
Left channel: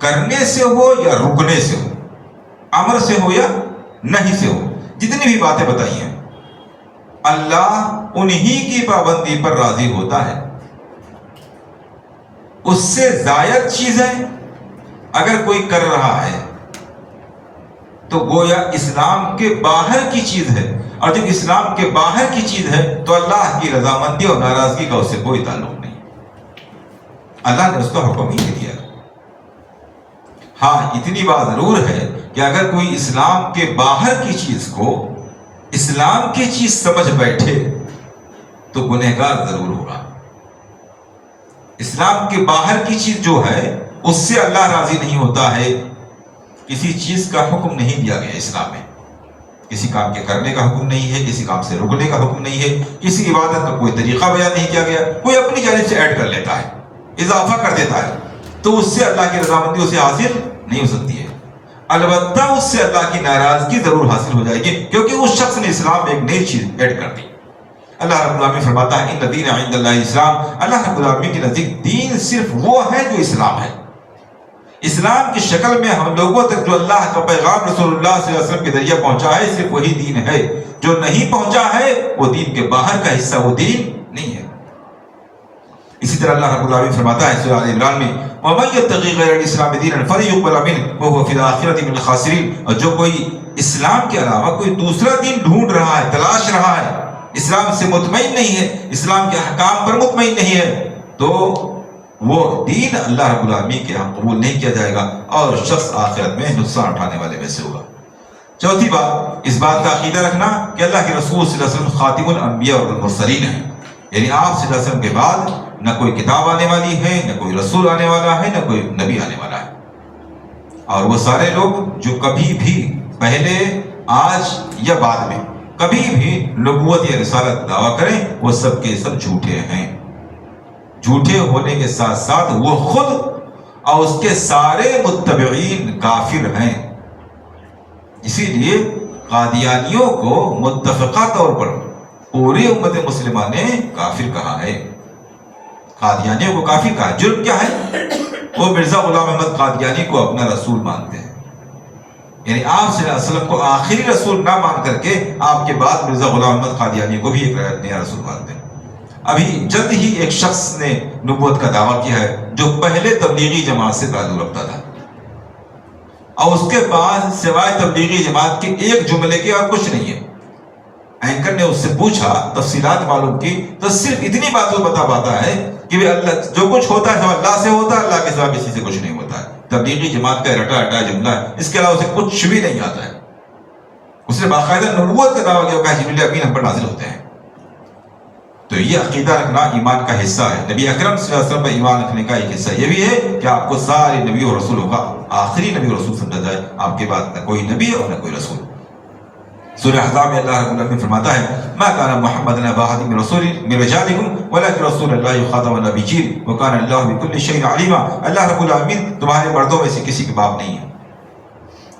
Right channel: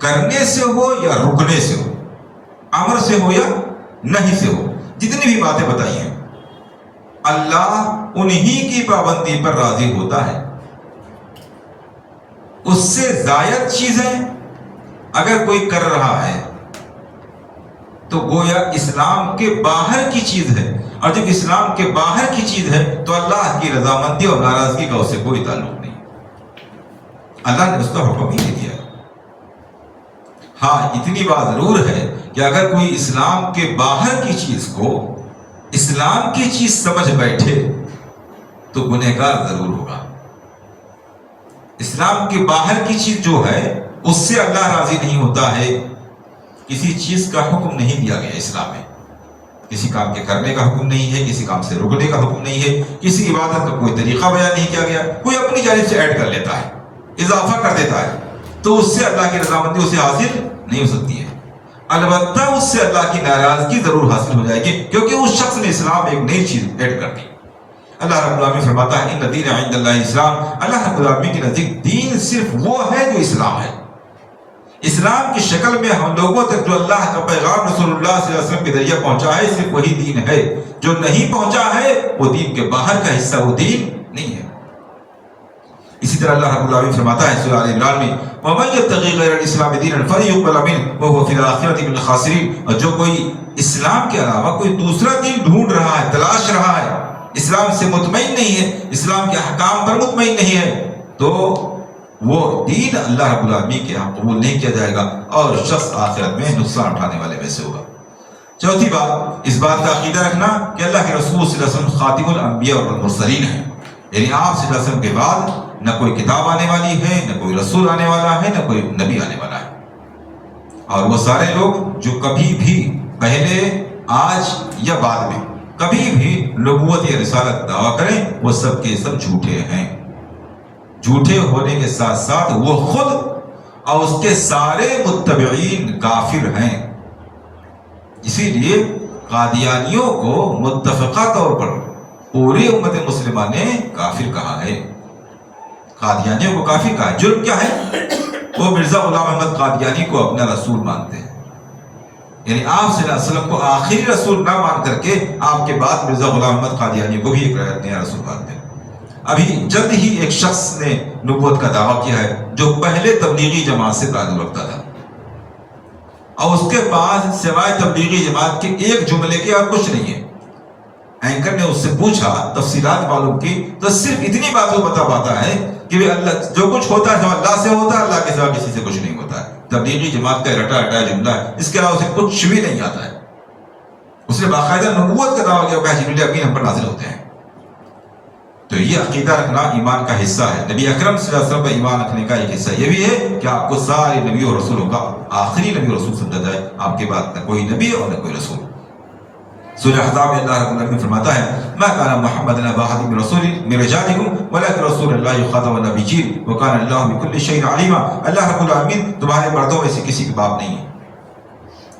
کرنے سے ہو یا رکنے سے ہو، امر سے ہو یا نہیں سے ہو، جتنی بھی باتیں بتائی ہیں اللہ انہی کی پابندی پر راضی ہوتا ہے۔ اس سے زائد چیزیں اگر کوئی کر رہا ہے تو گویا اسلام کے باہر کی چیز ہے، اور جب اسلام کے باہر کی چیز ہے تو اللہ کی رضامندی اور ناراضگی کا اس سے کوئی تعلق نہیں، اللہ نے اس کا حکم ہی نہیں دیا۔ ہاں اتنی بات ضرور ہے کہ اگر کوئی اسلام کے باہر کی چیز کو اسلام کی چیز سمجھ بیٹھے تو گنہگار ضرور ہوگا۔ اسلام کے باہر کی چیز جو ہے اس سے اللہ راضی نہیں ہوتا ہے۔ کسی چیز کا حکم نہیں دیا گیا اسلام میں، کسی کام کے کرنے کا حکم نہیں ہے، کسی کام سے رکنے کا حکم نہیں ہے، کسی عبادت کا کوئی طریقہ بیان نہیں کیا گیا، کوئی اپنی جانب سے ایڈ کر لیتا ہے، اضافہ کر دیتا ہے، تو اس سے اللہ کی رضامندی اسے حاصل نہیں ہو سکتی ہے۔ البتہ اس سے اللہ کی ناراضگی ضرور حاصل ہو جائے گی، کیونکہ اس شخص نے اسلام میں ایک نئی چیز ایڈ کر دی۔ اللہ رب العالمین فرماتا ہے ان الدین عند اللہ اسلام، اللہ رب العالمین کے نزدیک دین صرف وہ ہے جو اسلام ہے۔ اسلام کی شکل میں ہم لوگوں تک جو اللہ کا پیغام رسول اللہ صلی اللہ علیہ وسلم کے ذریعے پہنچا ہے صرف وہی دین ہے، جو نہیں پہنچا ہے وہ دین کے باہر کا حصہ، وہ دین نہیں ہے۔ اسی طرح اللہ رب العالمین فرماتا ہے سورہ آل عمران میں وَمَن يَبْتَغِ غَيْرَ الْإِسْلَامِ دِينًا فَلَن يُقْبَلَ مِنْهُ وَهُوَ فِي الْآخِرَةِ مِنَ الْخَاسِرِينَ، اور جو کوئی اسلام کے علاوہ کوئی دوسرا دین ڈھونڈ رہا ہے، تلاش رہا ہے، اسلام سے مطمئن نہیں ہے، اسلام کے احکام پر مطمئن نہیں ہے، تو وہ دین اللہ رب العالمین کے یہاں قبول نہیں کیا جائے گا اور شخص آخرت میں نقصان اٹھانے والے میں سے ہوگا۔ چوتھی بات، اس بات کا عقیدہ رکھنا کہ اللہ کے رسول صلی اللہ علیہ وسلم خاتم الانبیاء والمرسلین ہیں، یعنی آپ صلی اللہ علیہ وسلم کے بعد نہ کوئی کتاب آنے والی ہے، نہ کوئی رسول آنے والا ہے، نہ کوئی نبی آنے والا ہے، اور وہ سارے لوگ جو کبھی بھی پہلے، آج یا بعد میں کبھی بھی نبوت یا رسالت دعویٰ کریں وہ سب کے سب جھوٹے ہیں۔ جھوٹے ہونے کے ساتھ ساتھ وہ خود اور اس کے سارے متبعین کافر ہیں۔ اسی لیے قادیانیوں کو متفقہ طور پر پوری امت مسلمہ نے کافر کہا ہے۔ قادیانیوں کو کافر کہا ہے۔ جرم کیا ہے؟ وہ مرزا غلام احمد قادیانی کو اپنا رسول مانتے ہیں، یعنی آپ صلی اللہ علیہ وسلم کو آخری رسول نہ مان کر کے آپ کے بعد مرزا غلام احمد قادیانی کو بھی ایک نیا رسول مانتے ہیں۔ ابھی جلد ہی ایک شخص نے نبوت کا دعویٰ کیا ہے جو پہلے تبلیغی جماعت سے تعلق رکھتا تھا، اور اس کے بعد سوائے تبلیغی جماعت کے ایک جملے کے اور کچھ نہیں ہے۔ اینکر نے اس سے پوچھا، تفصیلات معلوم کی، تو صرف اتنی بات وہ بتا پاتا ہے کہ اللہ جو کچھ ہوتا ہے اللہ سے ہوتا ہے، اللہ کے سوا کسی سے کچھ نہیں ہوتا ہے۔ تبلیغی جماعت کا رٹا رٹا جملہ ہے، اس کے علاوہ اسے کچھ بھی نہیں آتا ہے۔ اس نے باقاعدہ نبوت کا دعویٰ کیا کہ جبریل امین ہم پر نازل ہوتے ہیں۔ تو یہ عقیدہ رکھنا ایمان کا حصہ ہے۔ نبی اکرم صلی اللہ علیہ وسلم پر ایمان رکھنے کا ایک حصہ یہ بھی ہے کہ آپ کو سارے نبی اور رسولوں کا آخری نبی اور رسول سمجھا جائے، آپ کے بعد نہ کوئی نبی اور نہ کوئی رسول۔ سورہ احزاب میں اللہ رب العالمین فرماتا ہے ما کان محمد ابا احد من رسول من رجالکم ولکن رسول اللہ خاتم النبیین وکان اللہ بکل شیء علیما۔ اللہ رب العالمین تمہارے مردوں میں سے کسی کے باپ نہیں ہے۔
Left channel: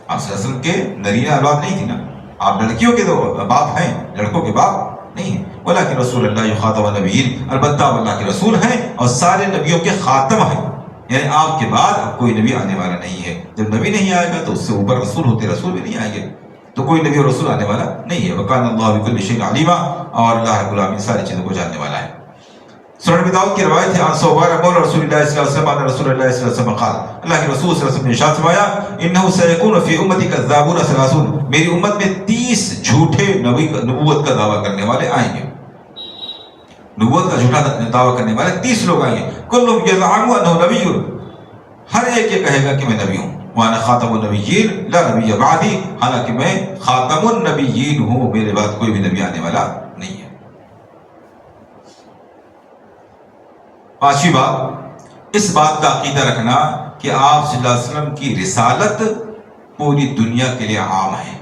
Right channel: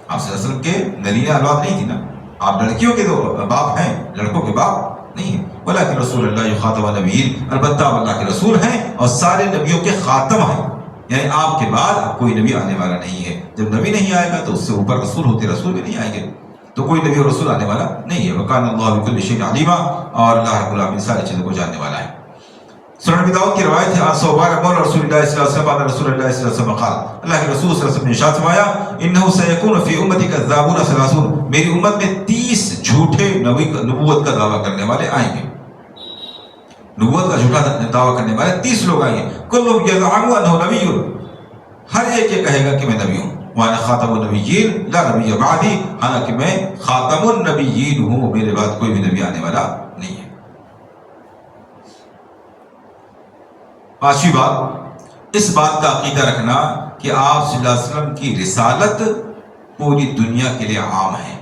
آپ صلی اللہ علیہ وسلم کے نرینہ اولاد نہیں تھی نا، آپ لڑکیوں کے تو باپ ہیں، لڑکوں کے باپ نہیں ہیں۔ ولکن رسول اللہ خاتم النبیین، البتہ اللہ کے رسول ہیں اور سارے نبیوں کے خاتم ہیں، یعنی آپ کے بعد اب کوئی نبی آنے والا نہیں ہے۔ جب نبی نہیں آئے گا تو اس سے اوپر رسول ہوتے، رسول بھی نہیں آئیں گے، تو کوئی نبی اور رسول آنے والا نہیں ہے۔ وَكَانَ اللَّهُ بِكُلِّ شَيْءٍ عَلِيمًا، اور اللہ رب العالمین ساری چیزوں کو جاننے والا ہے۔ سنن ابی داؤد کی روایت ہے عن ثوبان مولى رسول اللہ صلی اللہ علیہ وسلم ان رسول اللہ صلی اللہ علیہ وسلم قال، اللہ کے رسول صلی اللہ علیہ وسلم نے ارشاد فرمایا انه سيكون في امتي كذابون ثلاثون، میری امت میں 30 جھوٹے نبوت کا دعویٰ کرنے والے آئیں گے، نبوت کا جھوٹا دعویٰ کرنے والے 30 لوگ آئیں گے۔ كلهم يزعم انه نبي، ہر ایک یہ کہے گا کہ میں نبی ہوں۔ وانا خاتم النبیین لا نبی بعدی، حالانکہ میں خاتم النبیین ہوں، میرے بعد کوئی بھی نبی آنے والا نہیں ہے۔ پانچویں بات، اس بات کا عقیدہ رکھنا کہ آپ صلی اللہ علیہ وسلم کی رسالت پوری دنیا کے لیے عام ہے،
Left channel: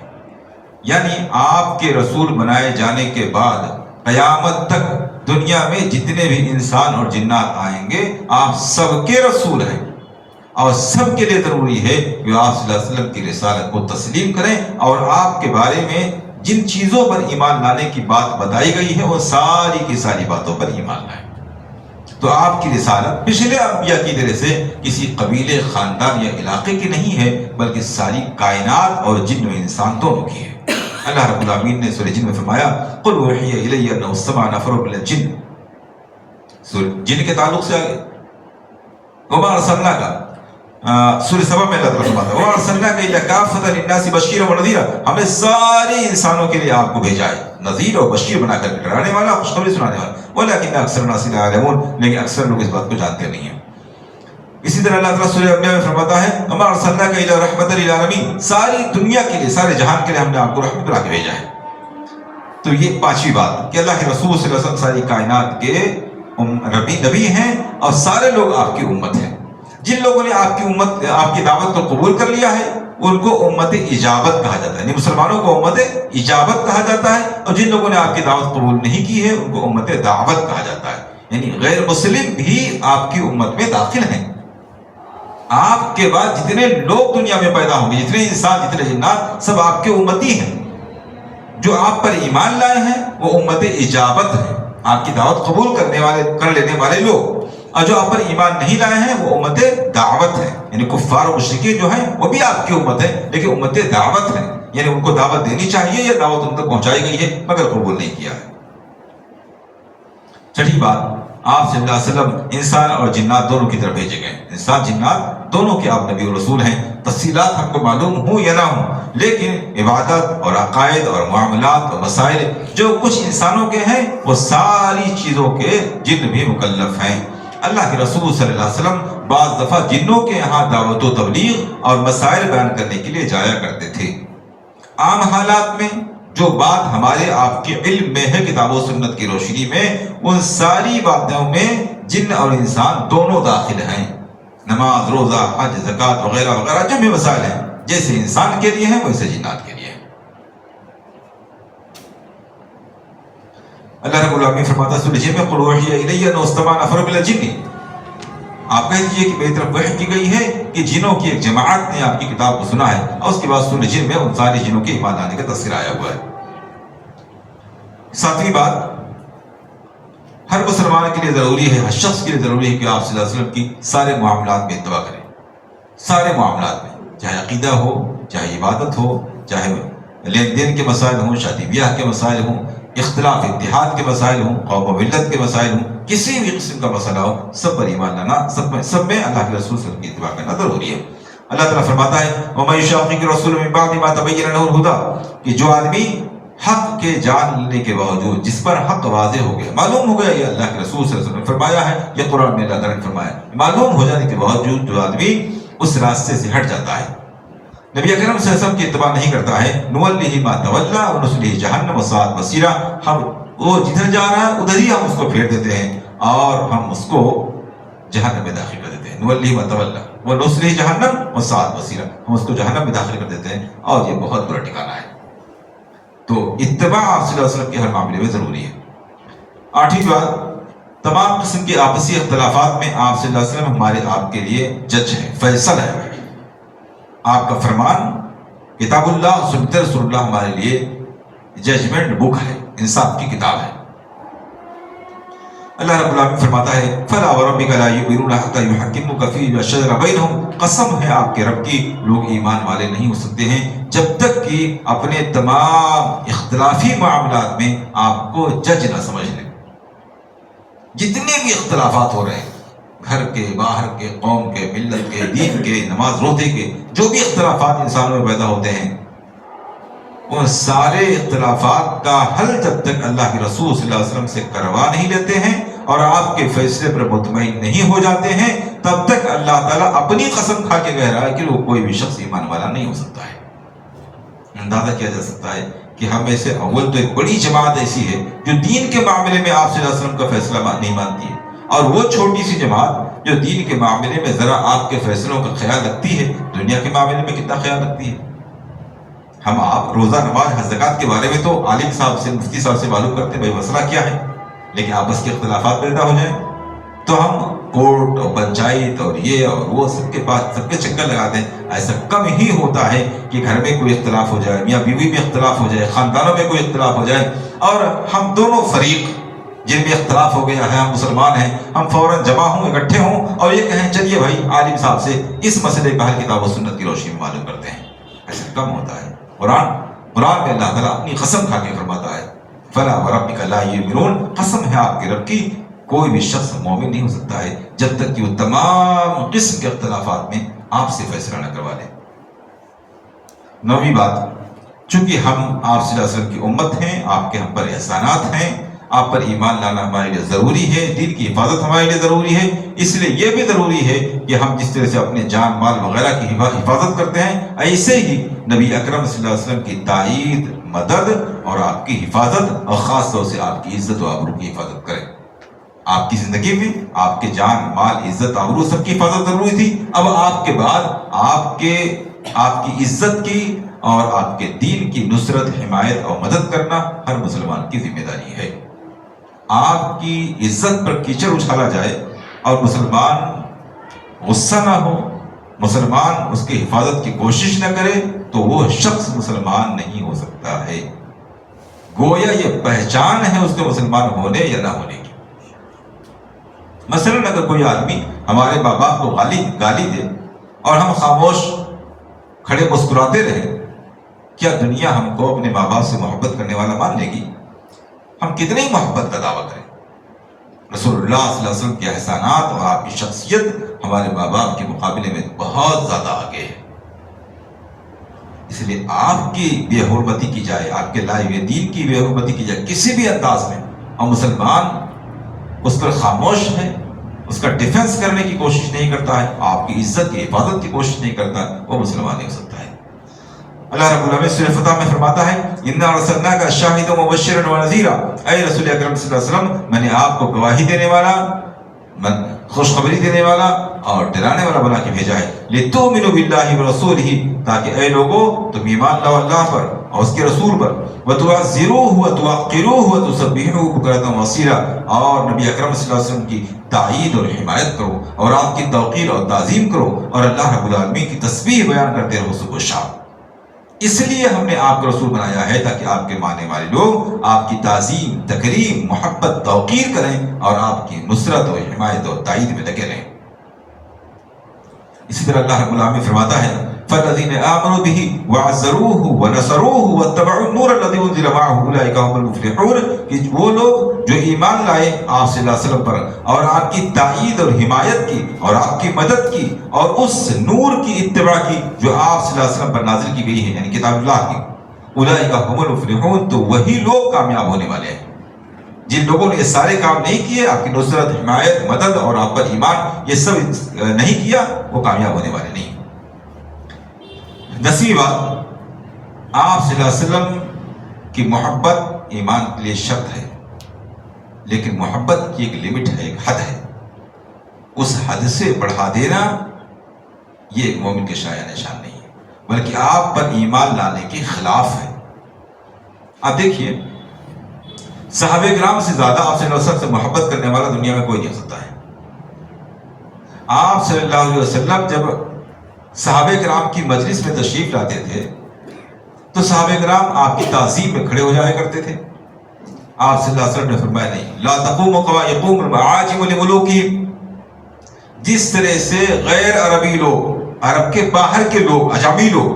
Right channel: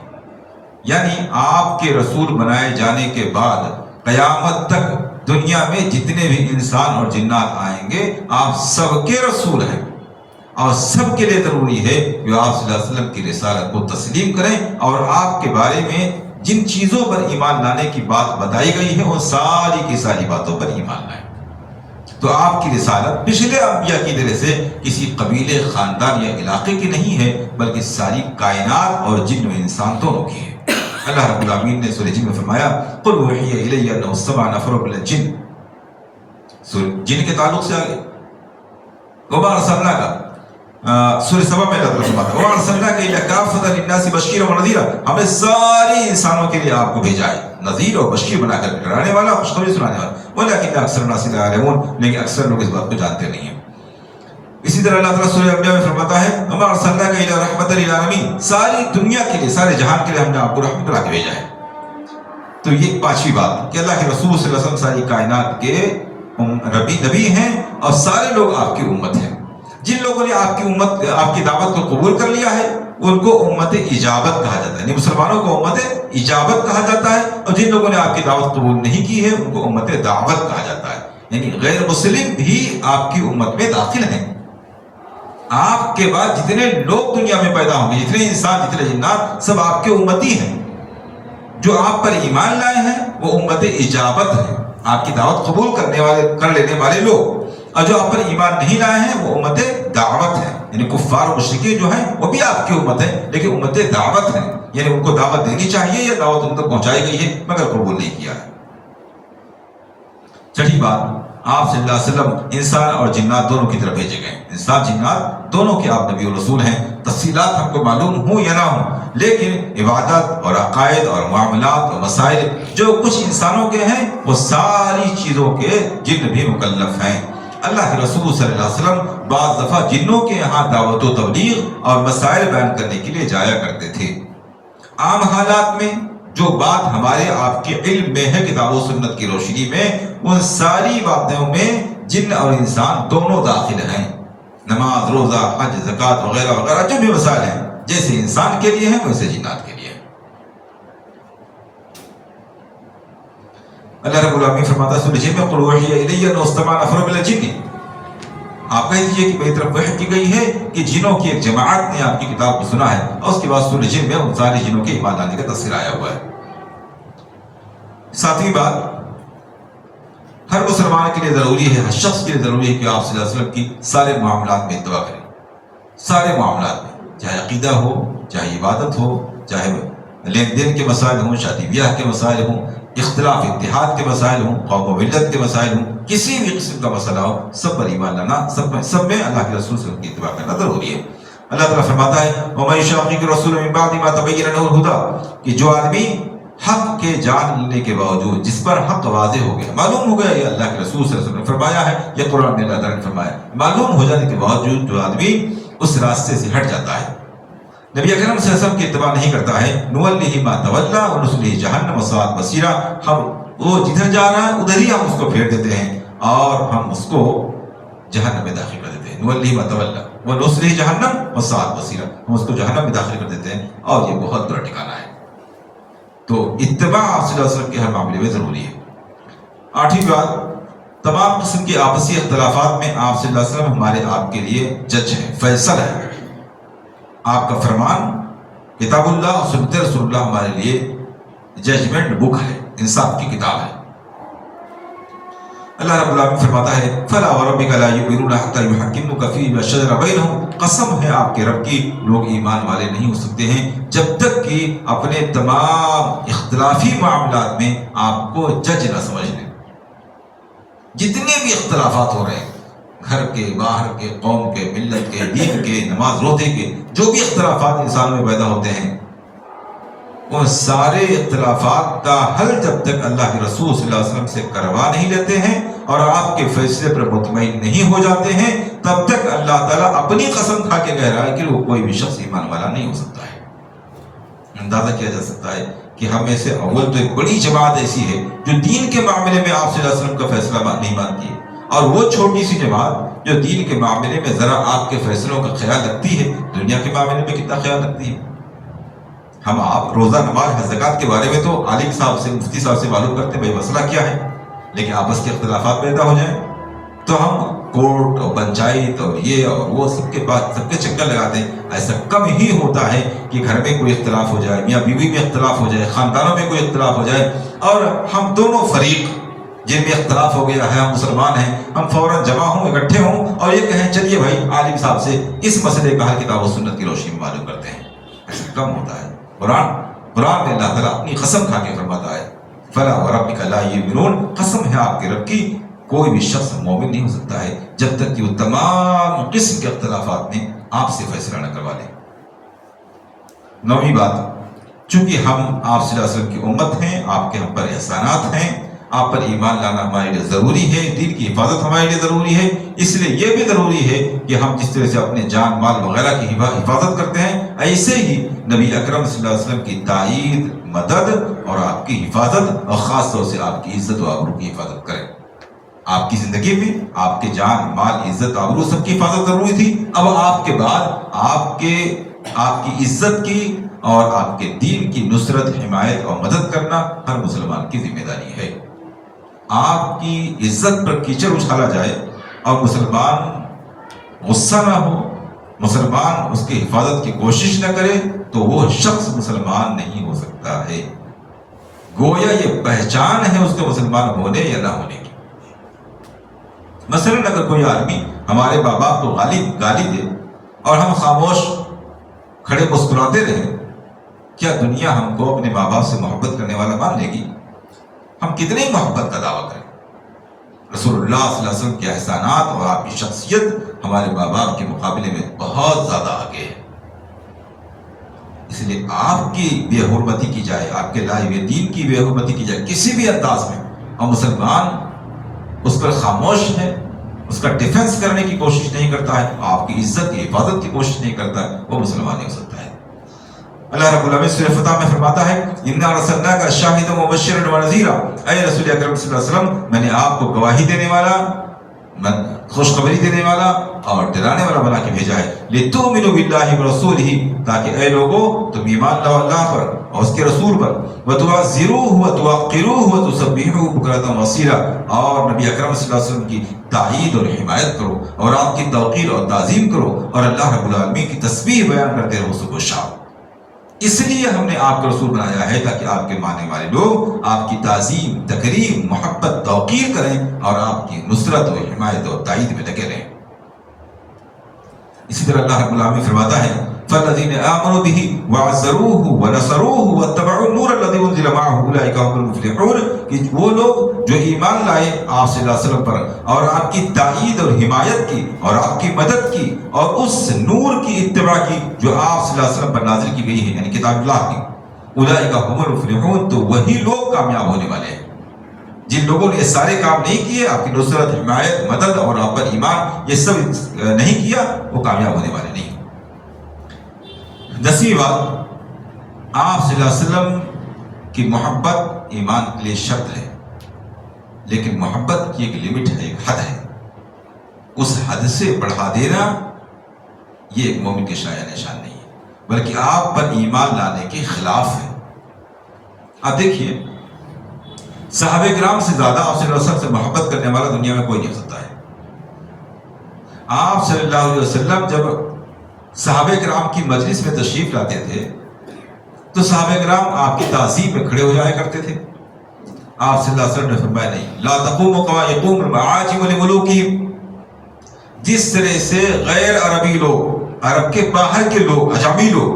یعنی آپ کے رسول بنائے جانے کے بعد قیامت تک دنیا میں جتنے بھی انسان اور جنات آئیں گے آپ سب کے رسول ہیں، اور سب کے لیے ضروری ہے کہ آپ صلی اللہ علیہ وسلم کی رسالت کو تسلیم کریں اور آپ کے بارے میں جن چیزوں پر ایمان لانے کی بات بتائی گئی ہے وہ ساری کی ساری باتوں پر ایمان لائیں۔ تو آپ کی رسالت پچھلے انبیاء کی طرح سے کسی قبیلے، خاندان یا علاقے کی نہیں ہے، بلکہ ساری کائنات اور جن و انسان دونوں کی ہے۔ اللہ رب العالمین نے سورہ جن میں فرمایا قل اوحی الی انہ استمع نفر من الجن، جن کے تعلق سے آگے وما ارسلناک، سورہ سبا میں اللہ تعالیٰ فرماتا ہے وما ارسلناک الا کافۃ للناس بشیرا ونذیرا، ہم نے سارے انسانوں کے لیے آپ کو بھیجا ہے نذیر اور بشیر بنا کر، ڈرانے والا، خوشخبری سنانے والا، ولکن اکثر الناس لا یعلمون، لیکن اکثر لوگ اس بات کو جانتے نہیں ہیں۔ اسی طرح اللہ تعالیٰ سورہ انبیاء میں فرماتا ہے وما ارسلناک الا رحمۃ للعالمین، ساری دنیا کے لیے، سارے جہان کے لیے ہم نے آپ کو رحمت بنا کے بھیجا ہے۔ تو یہ پانچویں بات کہ اللہ کے رسول صلی اللہ علیہ وسلم ساری کائنات کے نبی ہیں اور سارے لوگ آپ کی امت ہیں۔ جن لوگوں نے آپ کی دعوت کو قبول کر لیا ہے ان کو امت اجابت کہا جاتا ہے، یعنی مسلمانوں کو امت اجابت کہا جاتا ہے، اور جن لوگوں نے آپ کی دعوت قبول نہیں کی ہے ان کو امت دعوت کہا جاتا ہے، یعنی غیر مسلم بھی آپ کی امت میں داخل ہیں۔ آپ کے بعد جتنے لوگ دنیا میں پیدا ہوں گے، جتنے انسان، جتنے جنات، سب آپ کے امتی ہیں۔ جو آپ پر ایمان لائے ہیں وہ امت اجابت ہے، آپ کی دعوت قبول کر لینے والے لوگ، اور جو آپ پر ایمان نہیں لائے ہیں وہ امت دعوت ہے، یعنی کفار و مشرکین جو ہیں وہ بھی آپ کی امت ہے لیکن امت دعوت ہے، یعنی ان کو دعوت دینی چاہیے، یہ دعوت ان تک پہنچائی گئی ہے مگر قبول نہیں کیا ہے۔ چھٹی بات، آپ صلی اللہ علیہ وسلم انسان اور جنات دونوں کی طرف بھیجے گئے، انسان جنات دونوں کے آپ نبی و رسول ہیں۔ تفصیلات ہم کو معلوم ہوں یا نہ ہوں، لیکن عبادت اور عقائد اور معاملات اور مسائل جو کچھ انسانوں کے ہیں وہ ساری چیزوں کے جن بھی مکلف ہیں۔ اللہ کے رسول صلی اللہ علیہ وسلم بعض دفعہ جنوں کے یہاں دعوت و تبلیغ اور مسائل بیان کرنے کے لیے جایا کرتے تھے۔ عام حالات میں جو بات ہمارے آپ کے علم میں ہے کتاب و سنت کی روشنی میں، ان ساری باتوں میں جن اور انسان دونوں داخل ہیں۔ نماز، روزہ، حج، زکوٰۃ وغیرہ وغیرہ جو بھی مسائل ہیں، جیسے انسان کے لیے ہیں ویسے جنات کے لیے ہیں۔ اللہ رب العالمین فرماتا ہے سورہ جن میں قل اوحی الی انہ استمع نفر من الجن، آپ کہہ دیجئے کہ میری طرف وحی کی گئی ہے کہ جنوں کی ایک جماعت نے آپ کی کتاب کو سنا ہے، اور اس کے بعد سورہ جن میں ان سارے جنوں کے ایمان لانے کا تذکرہ آیا ہوا ہے۔ ساتویں بات، ہر مسلمان کے لیے ضروری ہے، ہر شخص کے لیے ضروری ہے کہ آپ صلی اللہ علیہ وسلم کی سارے معاملات میں اتباع کریں، سارے معاملات میں، چاہے عقیدہ ہو، چاہے عبادت ہو، چاہے لین دین کے مسائل ہوں، شادی بیاہ کے مسائل ہوں، اختلاف اتحاد کے مسائل ہوں، قوم و ملت کے مسائل ہوں، کسی بھی قسم کا مسئلہ ہو، سب پر ایمان لانا، سب میں اللہ کے رسول صلی اللہ علیہ وسلم کی اتباع کرنا ضروری ہے۔ اللہ تعالیٰ فرماتا ہے وَمَن يُشَاقِقِ الرَّسُولَ مِن بَعْدِ مَا تَبَيَّنَ لَهُ الْهُدَىٰ، کہ جو آدمی حق کے جان لینے کے باوجود، جس پر حق واضح ہو گیا، معلوم ہو گیا یہ اللہ کے رسول صلی اللہ علیہ وسلم نے فرمایا ہے، یہ قرآن میں اللہ تعالیٰ نے فرمایا، معلوم ہو جانے کے باوجود جو آدمی اس راستے سے ہٹ جاتا ہے، نبی اکرم صلی اللہ علیہ وسلم کی اتباع نہیں کرتا ہے، نُوَلِّهِ مَا تَوَلَّىٰ وَنُصْلِهِ جَهَنَّمَ وَسَاءَتْ مَصِيرًا، ہم وہ جدھر جا رہا ہے ادھر ہی ہم اس کو پھیر دیتے ہیں اور ہم اس کو جہنم میں داخل کر دیتے ہیں۔ نُوَلِّهِ مَا تَوَلَّىٰ وَنُصْلِهِ جَهَنَّمَ وَسَاءَتْ مَصِيرًا، ہم اس کو جہنم میں داخل کر دیتے ہیں اور یہ بہت برا ٹھکانہ ہے۔ تو اتباع آپ صلی اللہ علیہ وسلم کے ہر معاملے میں ضروری ہے۔ آٹھویں بات، تمام قسم کے آپسی اختلافات میں آپ صلی اللہ علیہ وسلم ہمارے آپ کے لیے جج ہے، فیصل ہے۔ آپ کا فرمان کتاب اللہ اور سنت رسول اللہ ہمارے لیے ججمنٹ بک ہے، انصاف کی کتاب ہے۔ اللہ رب العالمین فرماتا ہے فَلَا وَرَبِّكَ لَا يُؤْمِنُونَ حَتَّىٰ يُحَكِّمُوكَ فِيمَا شَجَرَ بَيْنَهُمْ، قسم ہے آپ کے رب کی، لوگ ایمان والے نہیں ہو سکتے ہیں جب تک کہ اپنے تمام اختلافی معاملات میں آپ کو جج نہ سمجھ لیں۔ جتنے بھی اختلافات ہو رہے ہیں، گھر کے، باہر کے، قوم کے، ملت کے، دین کے، نماز روزے کے، جو بھی اختلافات انسانوں میں پیدا ہوتے ہیں، وہ سارے اختلافات کا حل جب تک اللہ کے رسول صلی اللہ علیہ وسلم سے کروا نہیں لیتے ہیں اور آپ کے فیصلے پر مطمئن نہیں ہو جاتے ہیں، تب تک اللہ تعالیٰ اپنی قسم کھا کے کہہ رہا ہے کہ وہ کوئی بھی شخص ایمان والا نہیں ہو سکتا ہے۔ اندازہ کیا جا سکتا ہے کہ ہم میں سے اول تو ایک بڑی جماعت ایسی ہے جو دین کے معاملے میں آپ صلی اللہ علیہ وسلم کا فیصلہ نہیں مانتی ہے، اور وہ چھوٹی سی جماعت جو دین کے معاملے میں ذرا آپ کے فیصلوں کا خیال رکھتی ہے، دنیا کے معاملے میں کتنا خیال رکھتی ہے۔ ہم آپ روزہ، نماز، حج، زکوٰۃ کے بارے میں تو عالم صاحب سے، مفتی صاحب سے معلوم کرتے ہیں بھائی مسئلہ کیا ہے، لیکن آپس کے اختلافات پیدا ہو جائیں تو ہم کورٹ اور پنچایت اور یہ اور وہ سب کے پاس سب کے چکر لگاتے ہیں۔ ایسا کم ہی ہوتا ہے کہ گھر میں کوئی اختلاف ہو جائے، میاں بیوی میں اختلاف ہو جائے، خاندانوں میں کوئی اختلاف ہو جائے اور ہم دونوں فریق جن میں اختلاف ہو گیا ہے، ہم مسلمان ہیں، ہم فوراً جمع ہوں، اکٹھے ہوں اور یہ کہیں چلیے بھائی عالم صاحب سے اس مسئلے کا حل کتاب و سنت کی روشنی میں معلوم کرتے ہیں۔ ایسا کم ہوتا ہے۔ قرآن میں اللہ تعالیٰ اپنی قسم کھا کے فرماتا ہے فَلَا وَرَبِّكَ لَا يُؤْمِنُونَ، قسم ہے آپ کے رب کی، کوئی بھی شخص مومن نہیں ہو سکتا ہے جب تک کہ وہ تمام قسم کے اختلافات میں آپ سے فیصلہ نہ کروا لے۔ نویں بات، چونکہ ہم آپ صلی اللہ علیہ وسلم کی امت ہیں، آپ کے ہم پر احسانات ہیں، آپ پر ایمان لانا ہمارے لیے ضروری ہے، دین کی حفاظت ہمارے لیے ضروری ہے، اس لیے یہ بھی ضروری ہے کہ ہم جس طرح سے اپنے جان مال وغیرہ کی حفاظت کرتے ہیں، ایسے ہی نبی اکرم صلی اللہ علیہ وسلم کی تائید، مدد اور آپ کی حفاظت، اور خاص طور سے آپ کی عزت و آبرو کی حفاظت کریں۔ آپ کی زندگی میں آپ کے جان مال، عزت، آبرو سب کی حفاظت ضروری تھی، اب آپ کے بعد آپ کی عزت کی اور آپ کے دین کی نصرت، حمایت اور مدد کرنا ہر مسلمان کی ذمہ داری ہے۔ آپ کی عزت پر کیچڑ اچھالا جائے اور مسلمان غصہ نہ ہو، مسلمان اس کی حفاظت کی کوشش نہ کرے تو وہ شخص مسلمان نہیں ہو سکتا ہے۔ گویا یہ پہچان ہے اس کے مسلمان ہونے یا نہ ہونے کی۔ مثلاً اگر کوئی آدمی ہمارے ماں باپ کو گالی دے اور ہم خاموش کھڑے مسکراتے رہے، کیا دنیا ہم کو اپنے ماں باپ سے محبت کرنے والا مان لے گی؟ ہم کتنی محبت کا دعویٰ کریں، رسول اللہ صلی اللہ علیہ وسلم کے احسانات اور آپ کی شخصیت ہمارے ماں باپ کے مقابلے میں بہت زیادہ آگے ہے. اس لیے آپ کی بے حرمتی کی جائے، آپ کے لائے ہوئے دین کی بے حرمتی کی جائے کسی بھی انداز میں، اور مسلمان اس پر خاموش ہے، اس کا ڈیفنس کرنے کی کوشش نہیں کرتا ہے، آپ کی عزت کی حفاظت کی کوشش نہیں کرتا، وہ مسلمان نہیں ہو سکتا ہے. اللہ رب العالمین سورہ فتح میں فرماتا ہے اِنَّا أَرْسَلْنَاكَ شَاهِدًا وَمُبَشِّرًا وَنَذِيرًا، اے رسول اکرم صلی اللہ علیہ وسلم میں نے آپ کو گواہی دینے والا، خوشخبری دینے والا اور ڈرانے والا بنا کے بھیجا ہے. لِتُؤْمِنُوا بِاللَّهِ وَرَسُولِهِ، تاکہ اے لوگوں تم ایمان لاؤ اللہ پر اور اس کے رسول پر، وَتُعَزِّرُوهُ وَتُوَقِّرُوهُ وَتُسَبِّحُوهُ بُكْرَةً وَأَصِيلًا، اور نبی اکرم صلی اللہ علیہ وسلم کی تعیید اور حمایت کرو اور آپ کی توقیر اور تعظیم کرو اور اللہ رب العالمین کی تسبیح بیان کرتے رہو صبح و شام. اس لیے ہم نے آپ کو رسول بنایا ہے تاکہ آپ کے ماننے والے لوگ آپ کی تعظیم، تکریم، محبت، توقیر کریں اور آپ کی نصرت اور حمایت اور تائید میں لگے رہیں. اسی طرح اللہ رب العالمین فرماتا ہے فَالَّذِينَ آمَنُوا بِهِ وَعَزَّرُوهُ وَنَصَرُوهُ وَاتَّبَعُوا النُّورَ الَّذِي أُنزِلَ مَعَهُ أُولَٰئِكَ هُمُ الْمُفْلِحُونَ، کہ وہ لوگ جو ایمان لائے آپ صلی اللہ علیہ وسلم پر اور آپ کی تائید اور حمایت کی اور آپ کی مدد کی اور اس نور کی اتباع کی جو آپ صلی اللہ علیہ وسلم پر نازل کی گئی ہے، یعنی کتاب اللہ کی. أُولَٰئِكَ هُمُ الْمُفْلِحُونَ، تو وہی لوگ کامیاب ہونے والے ہیں. جن لوگوں نے یہ سارے کام نہیں کیے، آپ کی نصرت، حمایت، مدد اور آپ پر ایمان یہ سب نہیں کیا، وہ کامیاب ہونے والے نہیں. 10ویں بات، آپ صلی اللہ علیہ وسلم کی محبت ایمان کے لیے شرط ہے، لیکن محبت کی ایک لمٹ ہے، ایک حد ہے. اس حد سے بڑھا دینا یہ مومن کے شایان نشان نہیں ہے، بلکہ آپ پر ایمان لانے کے خلاف ہے. آپ دیکھیے صحابہ کرام سے زیادہ آپ صلی اللہ علیہ وسلم سے محبت کرنے والا دنیا میں کوئی نہیں ہو سکتا ہے. آپ صلی اللہ علیہ وسلم جب صحابہ کرام کی مجلس میں تشریف لاتے تھے تو صحابہ کرام آپ کی تعظیم میں کھڑے ہو جایا کرتے تھے. آپ صلی اللہ علیہ وسلم نے فرمایا نہیں، لا تقوموا كما يقوم الأعاجم لملوكهم، جس طرح سے غیر عربی لوگ، عرب کے باہر کے لوگ، اجامی لوگ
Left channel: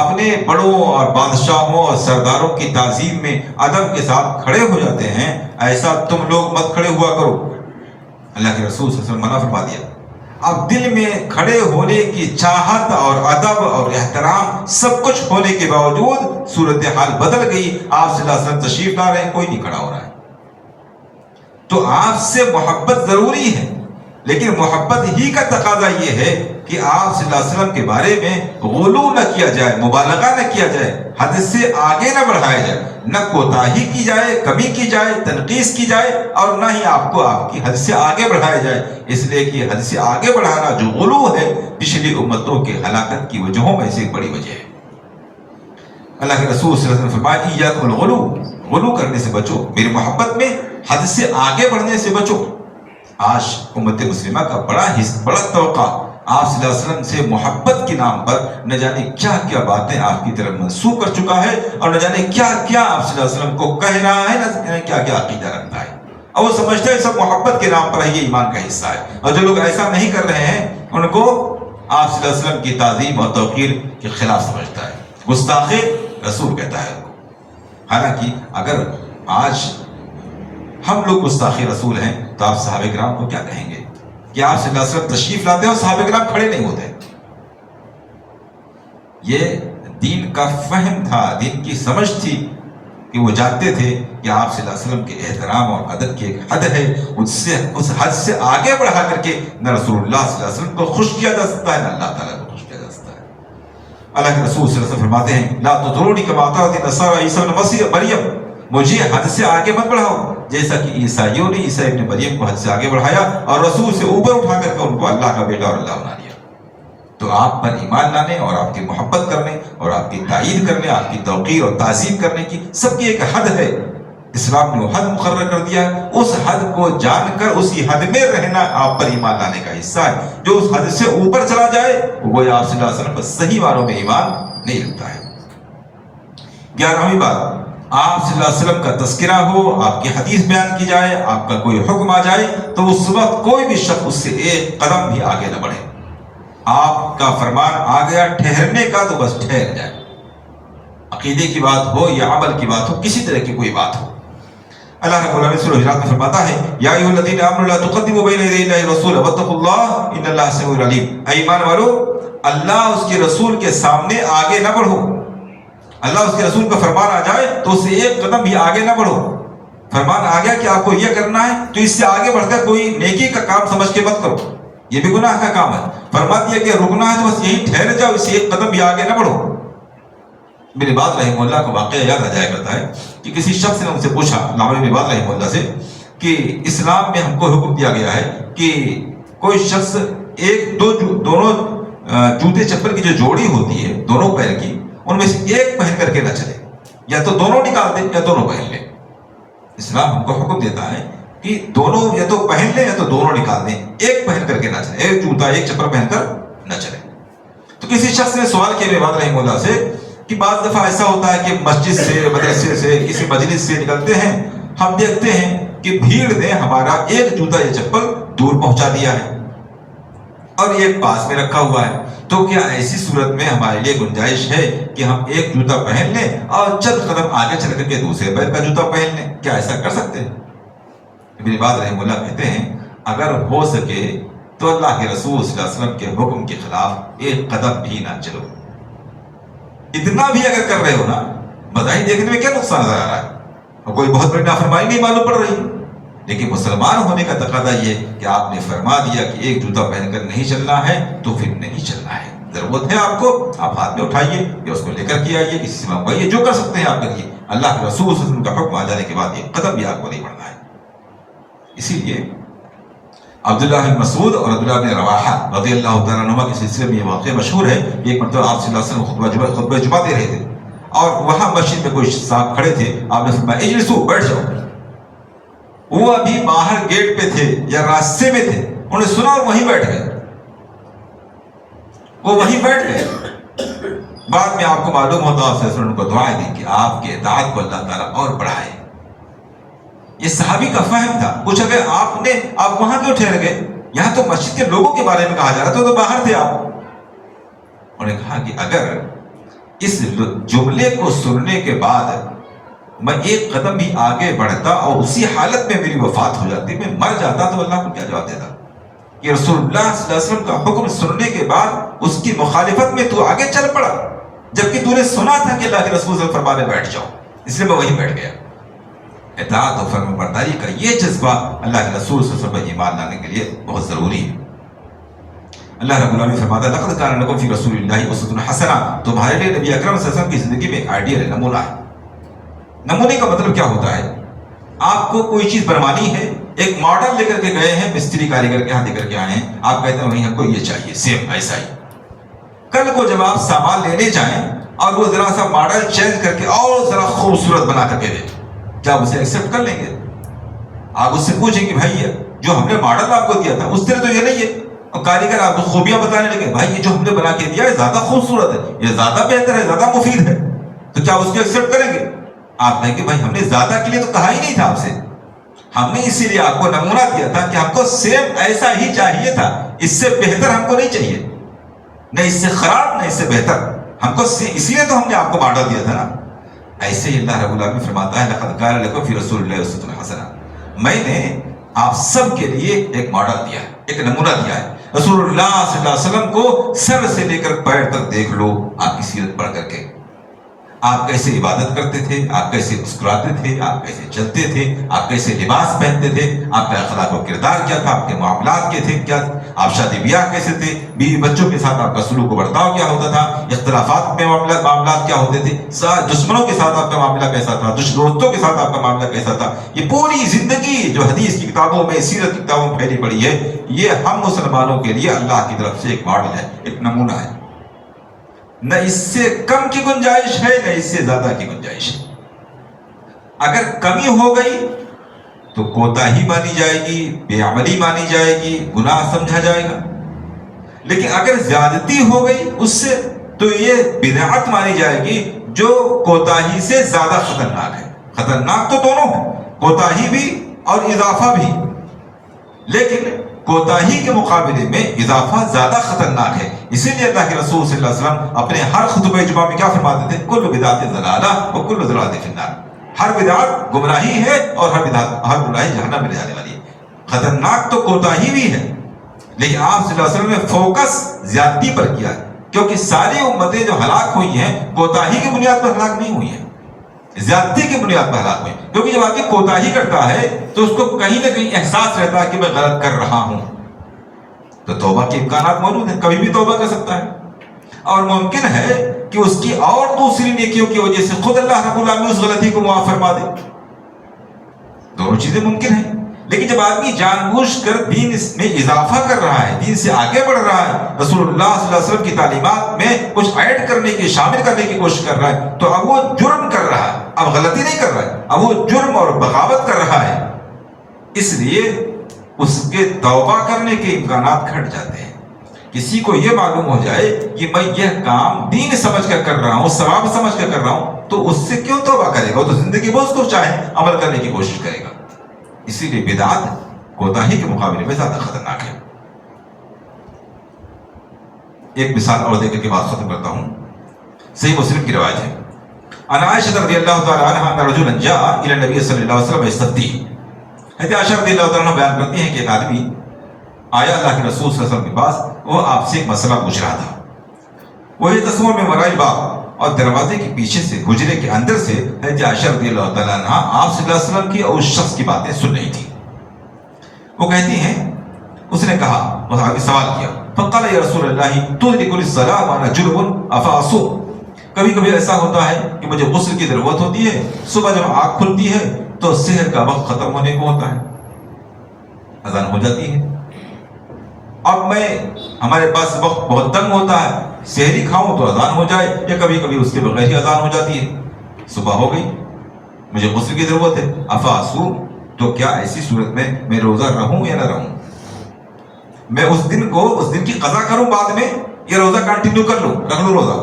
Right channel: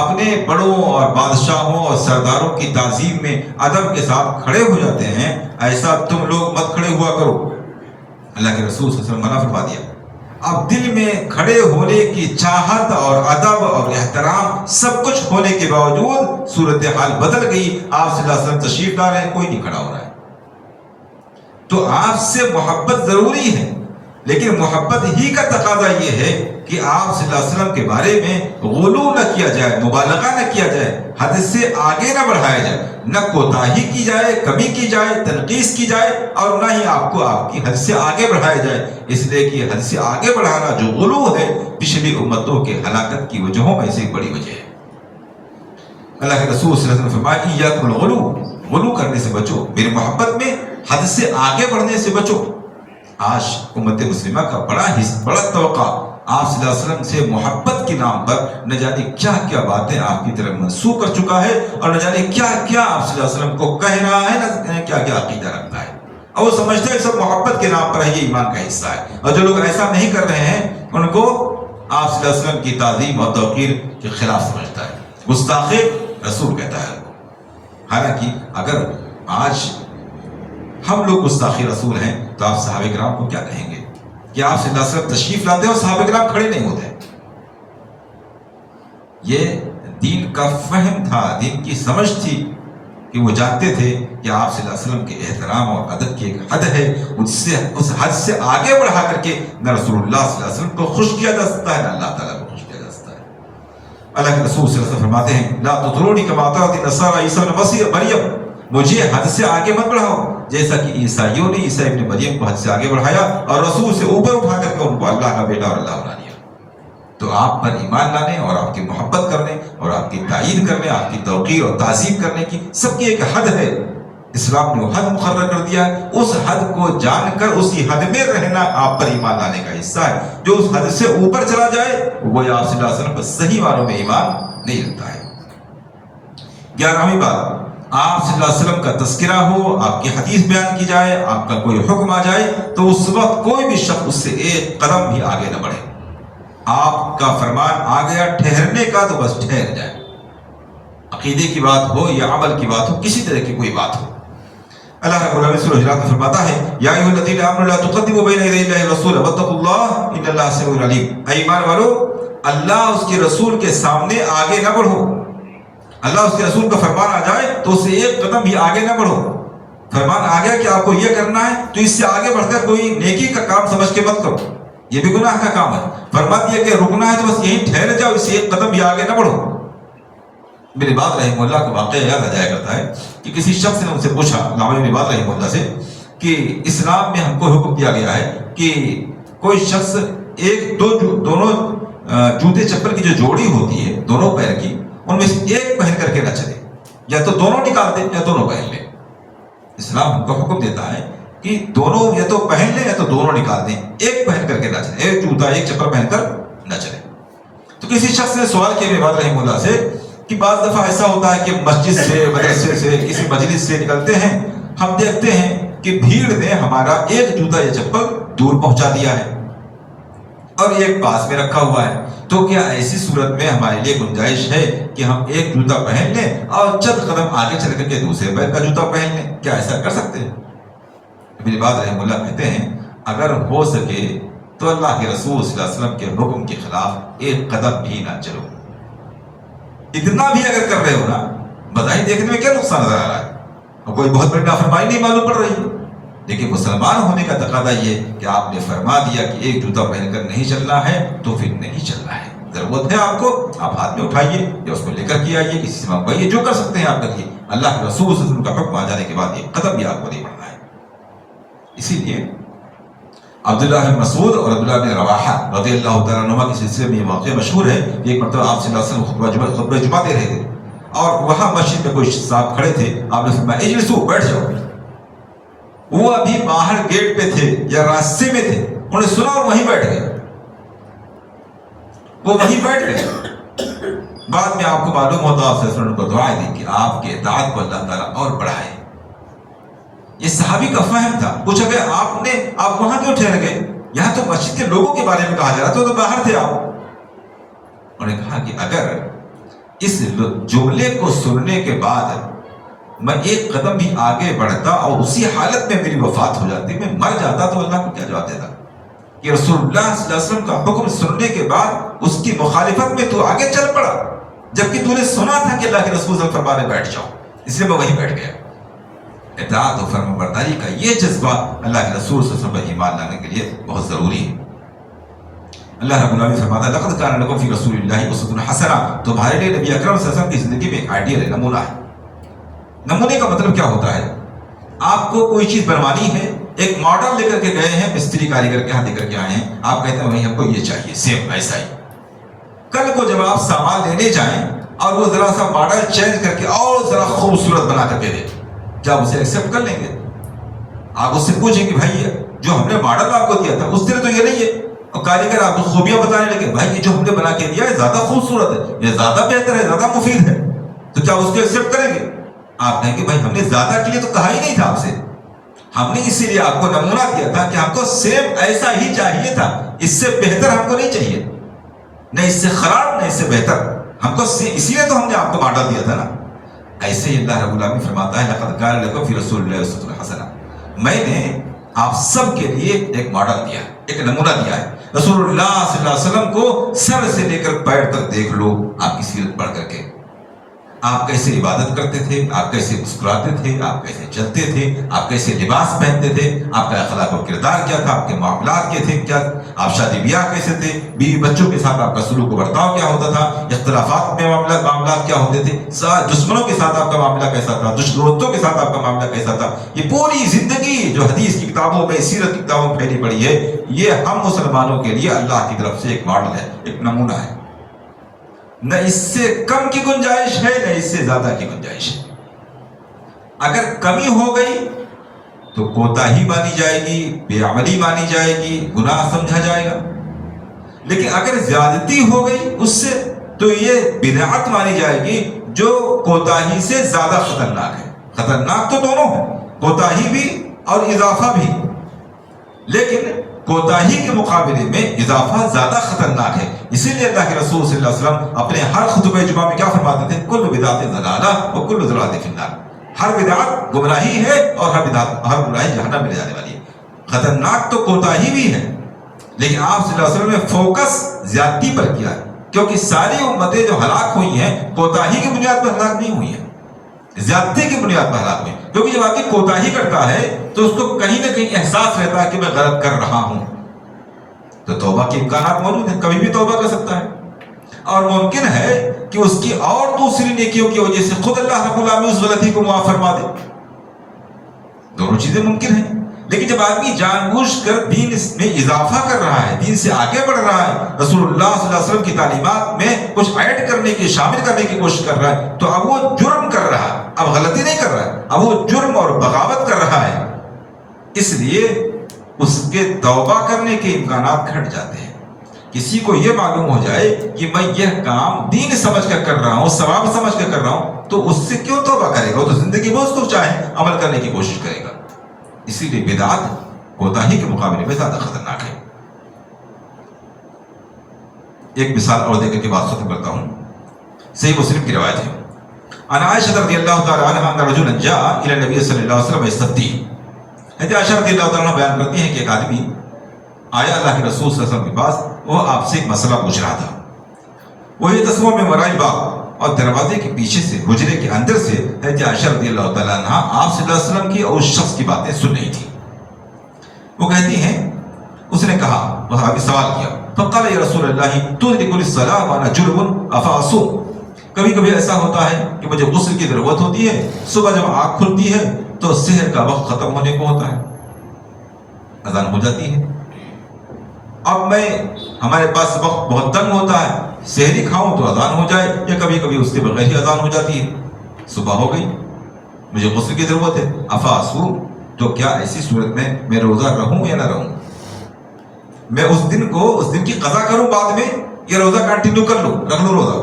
اپنے بڑوں اور بادشاہوں اور سرداروں کی تعظیم میں ادب کے ساتھ کھڑے ہو جاتے ہیں، ایسا تم لوگ مت کھڑے ہوا کرو. اللہ کے رسول صلی اللہ علیہ وسلم منع فرما دیا. اب دل میں کھڑے ہونے کی چاہت اور ادب اور احترام سب کچھ ہونے کے باوجود صورتحال بدل گئی. آپ صلی اللہ علیہ وسلم تشریف لا رہے ہیں، کوئی نہیں کھڑا ہو رہا ہے. تو آپ سے محبت ضروری ہے، لیکن محبت ہی کا تقاضا یہ ہے کہ آپ صلی اللہ علیہ وسلم کے بارے میں غلو نہ کیا جائے، مبالغہ نہ کیا جائے، حد سے آگے نہ بڑھایا جائے، نہ کوتاہی کی جائے، کمی کی جائے، تنقیص کی جائے، اور نہ ہی آپ کو آپ کی حد سے آگے بڑھایا جائے. اس لیے کہ حد سے آگے بڑھانا جو غلو ہے پچھلی امتوں کے ہلاکت کی وجہوں میں سے ایک بڑی وجہ ہے. اللہ کے رسول صلی اللہ علیہ وسلم نے فرمایا ایاکم الغلو، غلو کرنے سے بچو، میری محبت میں حد سے آگے بڑھنے سے بچو. آج امت مسلمہ کا بڑا توقع آپ صلی اللہ علیہ وسلم سے محبت کے نام پر نہ جانے کیا کیا باتیں آپ کی طرف منسوخ کر چکا ہے، اور نہ جانے کیا کیا آپ صلی اللہ علیہ وسلم کو کہہ رہا ہے، نہ جانے کیا کیا عقیدہ رکھتا ہے، اور وہ سمجھتا ہے سب محبت کے نام پر ہے، یہ ایمان کا حصہ ہے. اور جو لوگ ایسا نہیں کر رہے ہیں ان کو آپ صلی اللہ علیہ وسلم کی تعظیم اور توقیر کے خلاف سمجھتا ہے، گستاخ رسول کہتا ہے. حالانکہ اگر آج ہم لوگ گستاخ رسول ہیں تو آپ صحابہ کرام کو کیا کہیں گے کہ آپ صلی اللہ علیہ وسلم تشریف لاتے ہیں اور صحابہ کرام کھڑے نہیں ہوتے. یہ دین کا فہم تھا، دین کی سمجھ تھی کہ وہ جانتے تھے کہ آپ صلی اللہ علیہ وسلم کے احترام اور ادب کی ایک حد ہے، اس حد سے آگے بڑھا کر کے نہ رسول اللہ صلی اللہ علیہ وسلم کو خوش کیا جا سکتا ہے، نہ اللہ تعالیٰ کو خوش کیا جا سکتا ہے. اللہ کے رسول صلی اللہ علیہ وسلم فرماتے ہیں لا تطرونی کما اطرت النصارى عیسی ابن مریم، مجھے حد سے آگے مت بڑھاؤ جیسا کہ عیسائیوں نے عیسی ابن مریم کو حد سے آگے بڑھایا اور رسول سے اوپر اٹھا کر کے ان کو اللہ کا بیٹا اور اللہ بنا دیا. تو آپ پر ایمان لانے اور آپ کی محبت کرنے اور آپ کی تائید کرنے، آپ کی توقیر اور تعظیم کرنے کی سب کی ایک حد ہے. اسلام نے وہ حد مقرر کر دیا، اس حد کو جان کر اسی حد میں رہنا آپ پر ایمان لانے کا حصہ ہے. جو اس حد سے اوپر چلا جائے وہ آپ صلی اللہ علیہ وسلم پر صحیح معنوں میں ایمان نہیں رکھتا ہے. 11ویں بات، آپ صلی اللہ علیہ وسلم کا تذکرہ ہو، آپ کی حدیث بیان کی جائے، آپ کا کوئی حکم آ جائے تو اس وقت کوئی بھی شخص اس سے ایک قدم بھی آگے نہ بڑھے. آپ کا فرمان آ گیا ٹھہرنے کا تو بس ٹھہر جائے. عقیدے کی بات ہو یا عمل کی بات ہو، کسی طرح کی کوئی بات ہو، اللہ رب العالمین سورہ حجرات میں فرماتا ہے یا ایھا الذین آمنوا لا تقدموا بین یدی اللہ ورسولہ واتقوا اللہ ان اللہ سمیع علیم. اے ایمان والو، اللہ اس کے رسول کے سامنے آگے نہ بڑھو. اللہ اس کے رسول کا فرمان آ جائے تو اس سے ایک قدم بھی آگے نہ بڑھو. فرمان آ گیا کہ آپ کو یہ کرنا ہے تو اس سے آگے بڑھ کر کوئی نیکی کا کام سمجھ کے مت کرو، یہ بھی گناہ کا کام ہے. فرما دیا کہ رکنا ہے تو بس یہیں ٹھہر جاؤ، اس سے ایک قدم بھی آگے نہ بڑھو. میرے بعد رحمہ اللہ کا واقعہ یاد آ جایا کرتا ہے کہ کسی شخص نے ان سے پوچھا، علامہ ابن باز رحمہ اللہ سے، کہ اسلام میں ہم کو حکم دیا گیا ہے کہ کوئی شخص دونوں جوتے چپل کی جو جوڑی ہوتی ہے دونوں پیر کی، ان میں سے ایک پہن کر کے نہ چلے، یا تو دونوں نکال دے یا دونوں پہن لے. اسلام ہم کو حکم دیتا ہے کہ دونوں یا تو پہن لیں یا تو دونوں نکال دیں، ایک پہن کر کے نہ چلے، ایک جوتا ایک چپل پہن کر نہ چلے. تو کسی شخص نے سوال کیا ابن باز رحمہ اللہ سے کہ بعض دفعہ ایسا ہوتا ہے کہ مسجد سے، مدرسے سے، کسی مجلس سے نکلتے ہیں، ہم دیکھتے ہیں کہ بھیڑ نے ہمارا ایک جوتا یا چپل دور پہنچا دیا ہے اور ایک پاس میں رکھا ہوا ہے. تو کیا ایسی صورت میں ہمارے لیے گنجائش ہے کہ ہم ایک جوتا پہن لیں اور چند قدم آگے چل کر کے دوسرے پیر کا جوتا پہن لیں؟ کیا ایسا کر سکتے ہیں؟ ابن باز رحمہ اللہ کہتے ہیں اگر ہو سکے تو اللہ کے رسول صلی اللہ علیہ وسلم کے حکم کے خلاف ایک قدم بھی نہ چلو. اتنا بھی اگر کر رہے ہو نا، بظاہر دیکھنے میں کیا نقصان نظر آ رہا ہے اور کوئی بہت بڑی نافرمانی نہیں معلوم پڑ رہی، لیکن مسلمان ہونے کا تقاضا یہ کہ آپ نے فرما دیا کہ ایک جوتا پہن کر نہیں چلنا ہے تو پھر نہیں چلنا ہے. ضرورت ہے آپ کو، آپ ہاتھ میں اٹھائیے یا اس کو لے کر کے آئیے، کسی سے منگوائیے، جو کر سکتے ہیں آپ کریے. اللہ کے رسول صلی اللہ علیہ وسلم کا حکم آ جانے کے بعد ایک قدم بھی آپ کو نہیں بڑھنا ہے. اسی لیے عبداللہ بن مسعود اور عبداللہ بن رواحہ رضی اللہ تعالیٰ عنہما کے سلسلے میں یہ واقعہ مشہور ہے کہ ایک مرتبہ آپ صلی اللہ علیہ وسلم خطبہ جمعہ دے رہے تھے اور وہاں مسجد میں کچھ صاحب کھڑے تھے. آپ نے فرمایا اجلسوا، بیٹھ جاؤ. وہ ابھی باہر گیٹ پہ تھے یا راستے میں تھے، انہوں نے سنا اور وہیں بیٹھ گئے. وہ وہیں بیٹھ گئے. بعد میں آپ کو معلوم ہوتا آپ سے ان کو دعائیں دی کہ آپ کے اطاعت کو اللہ تعالیٰ اور بڑھائے. یہ صحابی کا فہم تھا. پوچھا کہ آپ وہاں کیوں ٹھہر گئے؟ یہاں تو مسجد کے لوگوں کے بارے میں کہا جا رہا تھا، تو باہر تھے آپ. انہوں نے کہا کہ اگر اس جملے کو سننے کے بعد میں ایک قدم بھی آگے بڑھتا اور اسی حالت میں میری وفات ہو جاتی، میں مر جاتا، تو اللہ کو کیا جواب دیتا کہ رسول اللہ صلی اللہ علیہ وسلم کا حکم سننے کے بعد اس کی مخالفت میں تو آگے چل پڑا، جبکہ تو نے سنا تھا کہ اللہ کے رسول صلی اللہ علیہ وسلم فرمانے بیٹھ جاؤ، اس لیے میں وہیں بیٹھ گیا. اطاعت و فرمانبرداری کا یہ جذبہ اللہ کے رسول صلی اللہ علیہ وسلم پر ایمان لانے کے لیے بہت ضروری ہے. اللہ رب العالمین فرماتا ہے لقد کان لکم فی رسول اللہ اسوۃ حسنہ، تمہارے لیے نبی اکرم صلی اللہ علیہ وسلم کی زندگی میں ایک آئیڈیل ہے، نمونہ ہے. نمونے کا مطلب کیا ہوتا ہے؟ آپ کو کوئی چیز بنوانی ہے، ایک ماڈل لے کر کے گئے ہیں، مستری کاریگر کے ہاں دے کر کے آئے ہیں، آپ کہتے ہیں وہیں ہم کو یہ چاہیے سیم ایسا ہی. کل کو جب آپ سامان لینے جائیں اور وہ ذرا سا ماڈل چینج کر کے اور ذرا خوبصورت بنا کر کے دیں، کیا آپ اسے ایکسیپٹ کر لیں گے؟ آپ اس سے پوچھیں کہ بھائی جو ہم نے ماڈل آپ کو دیا تھا اس طرح تو یہ نہیں ہے، اور کاریگر آپ کو خوبیاں بتانے لگے، بھائی یہ جو ہم نے بنا کے دیا ہے زیادہ خوبصورت ہے، یہ زیادہ بہتر ہے، زیادہ مفید ہے، تو کیا اس کو ایکسیپٹ کریں گے؟ آپ کہیں کہ بھائی ہم نے زیادہ کے لیے تو کہا ہی نہیں تھا آپ سے، ہم نے اسی لیے آپ کو نمونہ دیا تھا کہ ہم کو سیم ایسا ہی چاہیے تھا، اس سے بہتر ہم کو نہیں چاہیے، نہ اس سے خراب نہ اس سے بہتر، ہم کو اسی لیے تو ہم نے آپ کو ماڈل دیا تھا نا. ایسے ہی اللہ رب العالمین فرماتا ہے لقد کان لکم فی رسول اللہ اسوۃ حسنہ، میں نے آپ سب کے لیے ایک ماڈل دیا ہے، ایک نمونہ دیا ہے. رسول اللہ صلی اللہ علیہ وسلم کو سر سے لے کر پیر تک دیکھ لو، آپ کی سیرت پڑھ کر کے، آپ کیسے عبادت کرتے تھے، آپ کیسے مسکراتے تھے، آپ کیسے چلتے تھے، آپ کیسے لباس پہنتے تھے، آپ کا اخلاق و کردار کیا تھا، آپ کے معاملات کیا تھے، کیا آپ شادی بیاہ کیسے تھے، بیوی بچوں کے ساتھ آپ کا سلوک و برتاؤ کیا ہوتا تھا، اختلافات میں معاملات کیا ہوتے تھے، دشمنوں کے ساتھ آپ کا معاملہ کیسا تھا، دوستوں کے ساتھ آپ کا معاملہ کیسا تھا. یہ پوری زندگی جو حدیث کی کتابوں میں، سیرت کی کتابوں میں پھیلی پڑی ہے، یہ ہم مسلمانوں کے لیے اللہ کی طرف سے ایک ماڈل ہے، ایک نمونہ ہے. نہ اس سے کم کی گنجائش ہے نہ اس سے زیادہ کی گنجائش ہے. اگر کمی ہو گئی تو کوتاہی مانی جائے گی، بے عملی مانی جائے گی، گناہ سمجھا جائے گا. لیکن اگر زیادتی ہو گئی اس سے تو یہ بدعت مانی جائے گی، جو کوتاہی سے زیادہ خطرناک ہے. خطرناک تو دونوں ہیں، کوتاہی بھی اور اضافہ بھی، لیکن کوتاہی کے مقابلے میں اضافہ زیادہ خطرناک ہے. اسی لیے اللہ کے رسول صلی اللہ علیہ وسلم اپنے ہر خطبہ جمعہ میں کیا فرماتے تھے؟ کل بدعت ضلالہ و کل ضلالۃ فی النار. ہر بدعت گمراہی ہے اور ہر گمراہی جہنم میں لے جانے والی ہے. خطرناک تو کوتاہی بھی ہے، لیکن آپ صلی اللہ علیہ وسلم نے فوکس زیادتی پر کیا ہے، کیونکہ ساری امتیں جو ہلاک ہوئی ہیں کوتاہی کی بنیاد پر ہلاک نہیں ہوئی ہیں، زیادتی کی بنیاد پر ہلاک ہوئی. کیونکہ جب آدمی کوتاہی کرتا ہے تو اس کو کہیں نہ کہیں احساس رہتا ہے کہ میں غلط کر رہا ہوں، تو توبہ کے امکانات موجود ہیں، کبھی بھی توبہ کر سکتا ہے. اور ممکن ہے کہ اس کی اور دوسری نیکیوں کی وجہ سے خود اللہ رب العالمین اس غلطی کو معاف فرما دے. دونوں چیزیں ممکن ہیں. لیکن جب آدمی جان بوجھ کر دین میں اضافہ کر رہا ہے، دین سے آگے بڑھ رہا ہے، رسول اللہ صلی اللہ علیہ وسلم کی تعلیمات میں کچھ ایڈ کرنے کی، شامل کرنے کی کوشش کر رہا ہے، تو اب وہ جرم کر رہا ہے، اب غلطی نہیں کر رہا ہے، اب وہ جرم اور بغاوت کر رہا ہے. اس لیے اس کے توبہ کرنے کے امکانات گھٹ جاتے ہیں. کسی کو یہ معلوم ہو جائے کہ میں یہ کام دین سمجھ کر کر رہا ہوں، ثواب سمجھ کر کر رہا ہوں، تو اس سے کیوں توبہ کرے گا؟ وہ تو زندگی میں اس کو چاہے عمل کرنے کی کوشش کرے گا. اسی لیے بدعت کوتاہی کے مقابلے میں زیادہ خطرناک ہے. ایک مثال اور دے کر کے بات ختم کرتا ہوں. صحیح مسلم کی روایت ہے، عن عائشہ رضی اللہ تعالی عنہا ان رجلا جاء الى النبي صلی اللہ علیہ وسلم یستفتیہ. حضرت عائشہ رضی اللہ تعالی عنہ بیان کرتی ہیں کہ ایک آدمی آیا اللہ کے رسول صلی اللہ علیہ وسلم کے پاس، وہ آپ سے ایک مسئلہ پوچھ رہا تھا. وہ یہ تصور میں وراء الباب، اور دروازے کے پیچھے سے، حجرے کے اندر سے حضرت عائشہ رضی اللہ تعالیٰ عنہ آپ صلی اللہ علیہ وسلم کی اور اس شخص کی باتیں سن رہی تھی. وہ کہتی ہیں، اس نے کہا، وہ آگے سوال کیا، فقال یا رسول اللہ تدرک الصلاۃ وانا جنب افاصوم. کبھی کبھی ایسا ہوتا ہے کہ مجھے غسل کی ضرورت ہوتی ہے، صبح جب آنکھ کھلتی ہے تو سحر کا وقت ختم ہونے کو ہوتا ہے، اذان ہو جاتی ہے. اب میں، ہمارے پاس وقت بہت تنگ ہوتا ہے، سحری کھاؤں تو اذان ہو جائے، یا کبھی کبھی اس کے بغیر ہی اذان ہو جاتی ہے. صبح ہو گئی، مجھے غسل کی ضرورت ہے، افاصوم، تو کیا ایسی صورت میں روزہ رہوں یا نہ رہوں؟ میں اس دن کی قضا کروں بعد میں، یا روزہ کنٹینیو کر لوں، رکھ لوں روزہ؟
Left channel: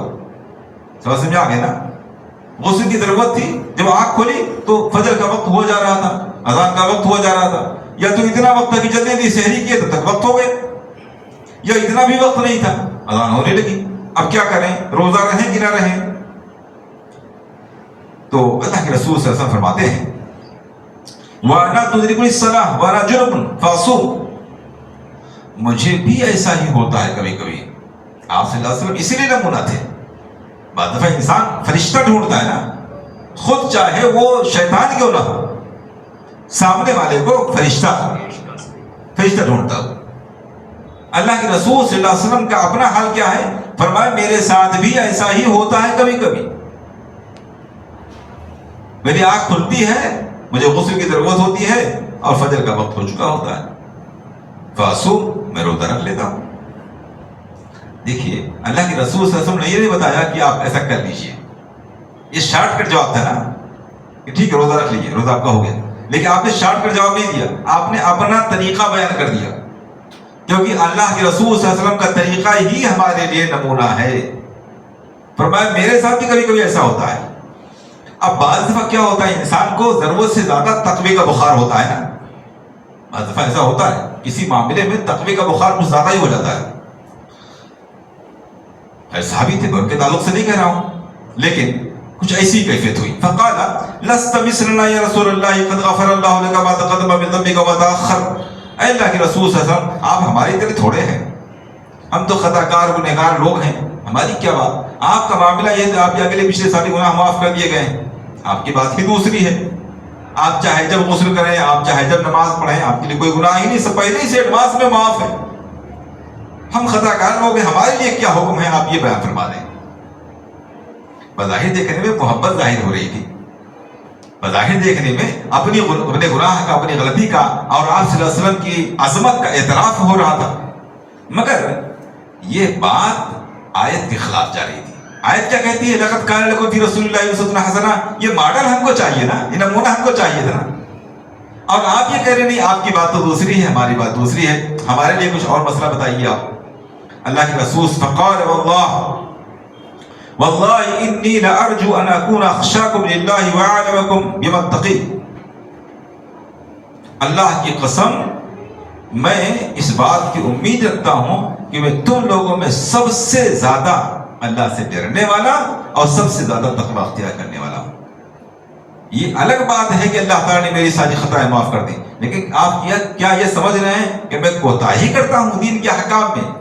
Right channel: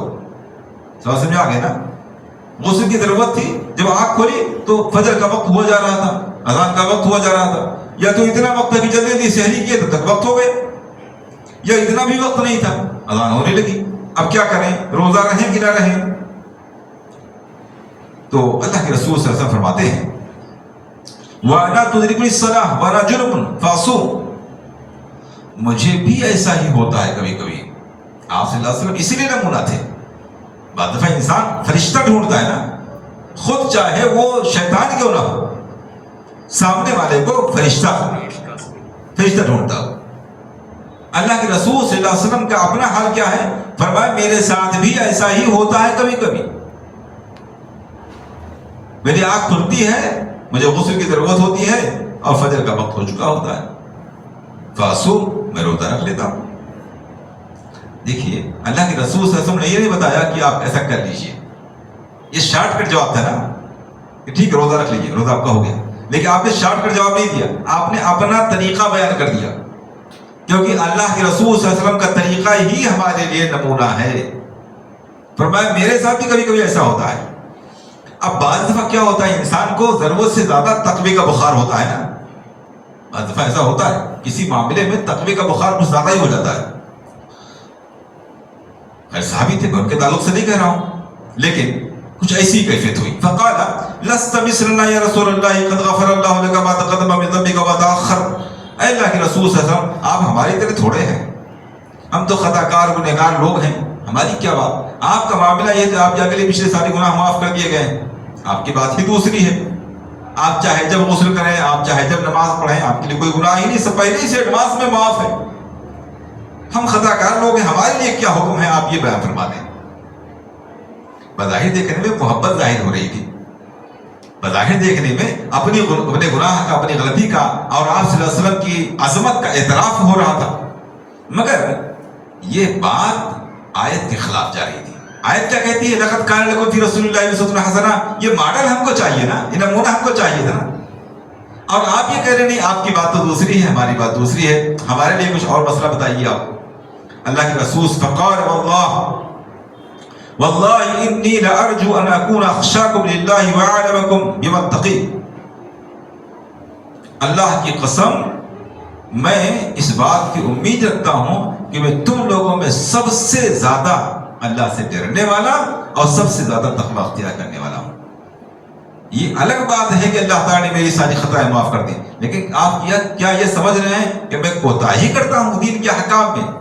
سمجھ آ گیا نا؟ غسل کی ضرورت تھی، جب آنکھ کھولی تو فجر کا وقت ہوا جا رہا تھا، اذان کا وقت ہوا جا رہا تھا، یا تو اتنا وقت تھا کہ جلدی سحری کیے تب تک وقت ہو گئے، یا اتنا بھی وقت نہیں تھا، اذان ہونے لگی. اب کیا کریں؟ روزہ رہیں کہ نہ رہیں؟ تو اللہ کے رسول صلی اللہ علیہ وسلم فرماتے ہیں، وَأَنَا تُدْرِكُ الصَّلَاةَ وَأَنَا جُنُبٌ فَأَصُومُ. مجھے بھی ایسا ہی ہوتا ہے کبھی کبھی. آپ صلی اللہ علیہ وسلم اسی لیے نمونہ تھے. بعض دفعہ انسان فرشتہ ڈھونڈتا ہے نا، خود چاہے وہ شیطان کیوں نہ ہو، سامنے والے کو فرشتہ ڈھونڈتا ہو. اللہ کے رسول صلی اللہ علیہ وسلم کا اپنا حال کیا ہے؟ فرمایا میرے ساتھ بھی ایسا ہی ہوتا ہے کبھی کبھی. میری آنکھ کھلتی ہے، مجھے غسل کی ضرورت ہوتی ہے اور فجر کا وقت ہو چکا ہوتا ہے، فاصوم، میں روزہ رکھ لیتا ہوں. دیکھیے اللہ کے رسول صلی اللہ علیہ وسلم نے یہ نہیں بتایا کہ آپ ایسا کر لیجئے. یہ شارٹ کٹ جواب تھا نا کہ ٹھیک ہے روزہ رکھ لیجئے، روزہ آپ کا ہو گیا. لیکن آپ نے شارٹ کٹ جواب نہیں دیا، آپ نے اپنا طریقہ بیان کر دیا، کیونکہ اللہ کے رسول صلی اللہ علیہ وسلم کا طریقہ ہی ہمارے لیے نمونہ ہے. فرمایا میرے ساتھ بھی کبھی کبھی ایسا ہوتا ہے. اب بعض دفعہ کیا ہوتا ہے، انسان کو ضرورت سے زیادہ تقوی کا بخار ہوتا ہے نا. بعض دفعہ ایسا ہوتا ہے کسی معاملے میں تقوی کا بخار کچھ زیادہ ہی ہو جاتا ہے. صحابی تھے، میں ان کے تعلق سے نہیں کہہ رہا ہوں، لیکن کچھ ایسی کیفیت ہوئی. فقال لست مثلنا یا رسول اللہ قد غفر اللہ لك ما تقدم من ذنبك وما تاخر. اے اللہ کے رسول صلی اللہ علیہ وسلم، آپ ہماری طرح تھوڑے ہیں، ہم تو خطا کار گنہگار لوگ ہیں، ہماری کیا بات؟ آپ کا معاملہ یہ ہے، آپ کے اگلے پچھلے سارے گناہ معاف کر دیے گئے ہیں. آپ کی بات ہی دوسری ہے. آپ چاہے جب غسل کریں، آپ چاہے جب نماز پڑھیں، آپ کے لیے کوئی گناہ ہی نہیں، سب پہلے سے ایڈوانس میں معاف ہے. ہم خطا کار لوگ ہیں، ہمارے لیے کیا حکم ہے؟ آپ یہ بیان فرما دیں. بظاہر دیکھنے میں محبت ظاہر ہو رہی تھی، بظاہر دیکھنے میں اپنے گناہ کا، اپنی غلطی کا اور آپ صلی اللہ علیہ وسلم کی عظمت کا اعتراف ہو رہا تھا. مگر یہ بات آیت کے خلاف جا رہی تھی. آیت کیا کہتی ہے؟ لقد کان لکم فی رسول اللہ اسوۃ حسنہ. یہ ماڈل ہم کو چاہیے نا، یہ نمونہ ہم کو چاہیے تھا نا. اور آپ یہ کہہ رہے نہیں، آپ کی بات تو دوسری ہے، ہماری بات دوسری ہے، ہمارے لیے کچھ اور مسئلہ بتائیے آپ. اللہ کے رسول فقال واللہ انی لارجو ان اکون اخشاکم للہ واعلمکم بما اتقی. اللہ کی قسم، میں اس بات کی امید رکھتا ہوں کہ میں تم لوگوں میں سب سے زیادہ اللہ سے ڈرنے والا اور سب سے زیادہ تقوی اختیار کرنے والا ہوں. یہ الگ بات ہے کہ اللہ تعالیٰ نے میری ساری خطائیں معاف کر دی، لیکن آپ کیا یہ سمجھ رہے ہیں کہ میں کوتاہی کرتا ہوں دین کے احکام میں؟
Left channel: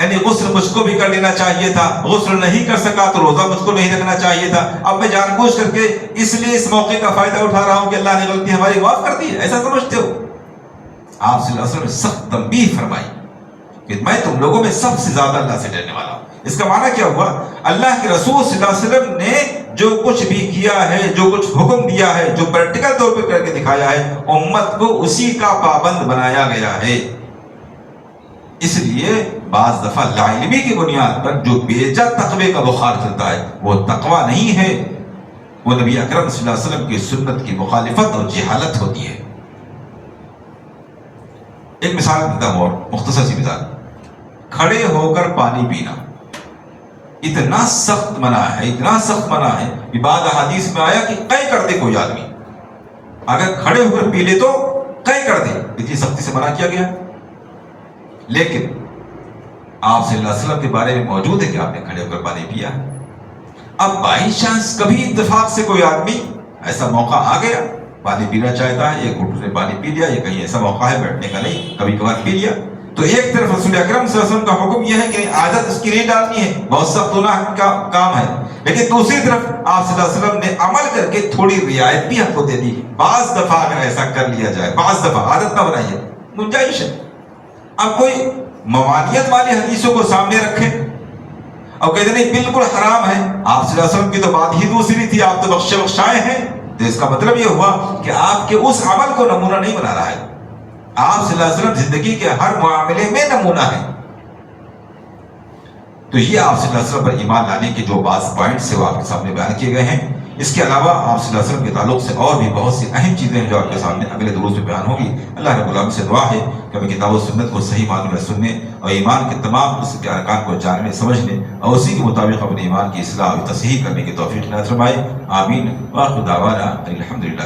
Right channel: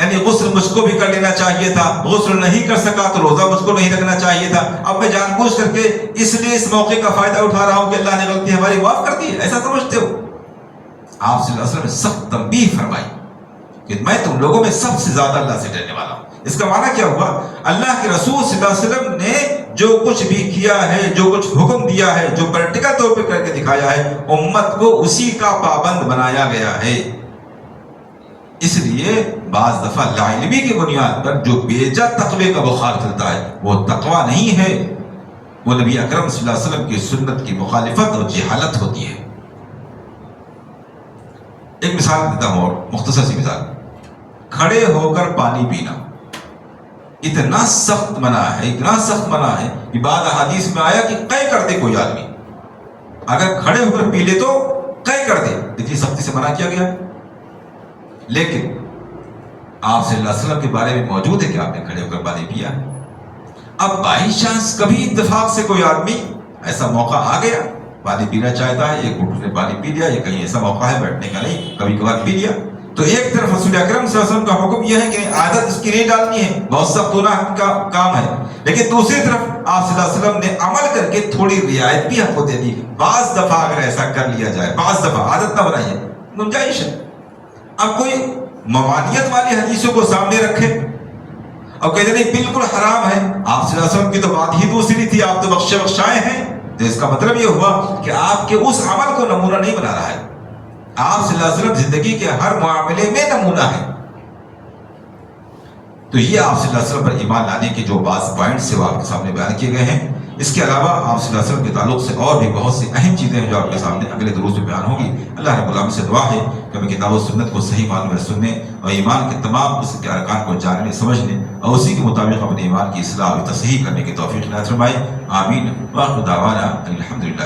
یعنی غسل مجھ کو بھی کر لینا چاہیے تھا، غسل نہیں کر سکا تو روزہ مجھ کو نہیں رکھنا چاہیے تھا، اب میں جان بوجھ کر کے اس لیے اس موقع کا فائدہ اٹھا رہا ہوں کہ اللہ نے غلطی ہماری معاف کر دی ہے، ایسا سمجھتے ہو؟ آپ صلی اللہ علیہ وسلم نے سخت تنبیہ فرمائی کہ میں تم لوگوں میں سب سے زیادہ اللہ سے ڈرنے والا ہوں۔ اس کا معنی کیا ہوا؟ اللہ کے رسول صلی اللہ علیہ وسلم نے جو کچھ بھی کیا ہے، جو کچھ حکم دیا ہے، جو پریکٹیکل طور پہ کر کے دکھایا ہے، امت کو اسی کا پابند بنایا گیا ہے۔ اس لیے بعض دفعہ لاعلمی کی بنیاد پر جو بے جا تقوی کا بخار چلتا ہے وہ تقوی نہیں ہے، وہ نبی اکرم صلی اللہ علیہ وسلم کی سنت کی مخالفت اور جہالت ہوتی ہے۔ ایک مثال دیتا ہوں اور مختصر سی مثال، کھڑے ہو کر پانی پینا اتنا سخت منع ہے، اتنا سخت منع ہے کہ بعض احادیث میں آیا کہ قے کر دے کوئی آدمی، اگر کھڑے ہو کر پی لے تو قے کر دے، اتنی سختی سے منع کیا گیا۔ لیکن آپ صلی اللہ علیہ وسلم کے بارے میں موجود ہے کہ آپ نے کھڑے ہو کر پانی پیا۔ اب بائی چانس کبھی اتفاق سے کوئی آدمی ایسا موقع آ گیا، پانی پینا چاہتا ہے، ایک گھونٹ نے پانی پی لیا، یا کہیں ایسا موقع ہے بیٹھنے کا نہیں، کبھی کبھار پی لیا، تو ایک طرف رسول اکرم صلی اللہ علیہ وسلم کا حکم یہ ہے کہ عادت اس کی نہیں ڈالنی ہے، بہت سخت گناہ کا کام ہے، لیکن دوسری طرف آپ صلی اللہ علیہ وسلم نے عمل کر کے تھوڑی رعایت بھی ہم کو دے دی، بعض دفعہ اگر ایسا کر لیا جائے، بعض دفعہ عادت نہ بنائیے، گنجائش ہے۔ اب کوئی ممانعت والی حدیثوں کو سامنے رکھے اور کہتے نہیں بالکل حرام ہے، آپ صلی اللہ علیہ وسلم کی تو بات ہی دوسری تھی، آپ تو بخشے بخشائے ہیں، تو اس کا مطلب یہ ہوا کہ آپ کے اس عمل کو نمونہ نہیں بنا رہا ہے۔ آپ صلی اللہ علیہ وسلم زندگی کے ہر معاملے میں نمونہ ہے۔ تو یہ آپ صلی اللہ علیہ وسلم پر ایمان لانے کے جو بعض پوائنٹس ہیں وہ آپ کے سامنے بیان کیے گئے ہیں۔ اس کے علاوہ آپ صلی اللہ علیہ وسلم کے تعلق سے اور بھی بہت سی اہم چیزیں ہیں جو آپ کے سامنے اگلے دروس میں بیان ہوگی۔ اللہ رب العالمین سے دعا ہے کہ ہمیں کتاب و سنت کو صحیح معنوں میں سننے اور ایمان کے تمام اس کے ارکان کو جاننے سمجھنے اور اسی کے مطابق اپنے ایمان کی اصلاح اور تصحیح کرنے کی توفیق عطا فرمائے۔ آمین۔ وآخر دعوانا الحمدللہ۔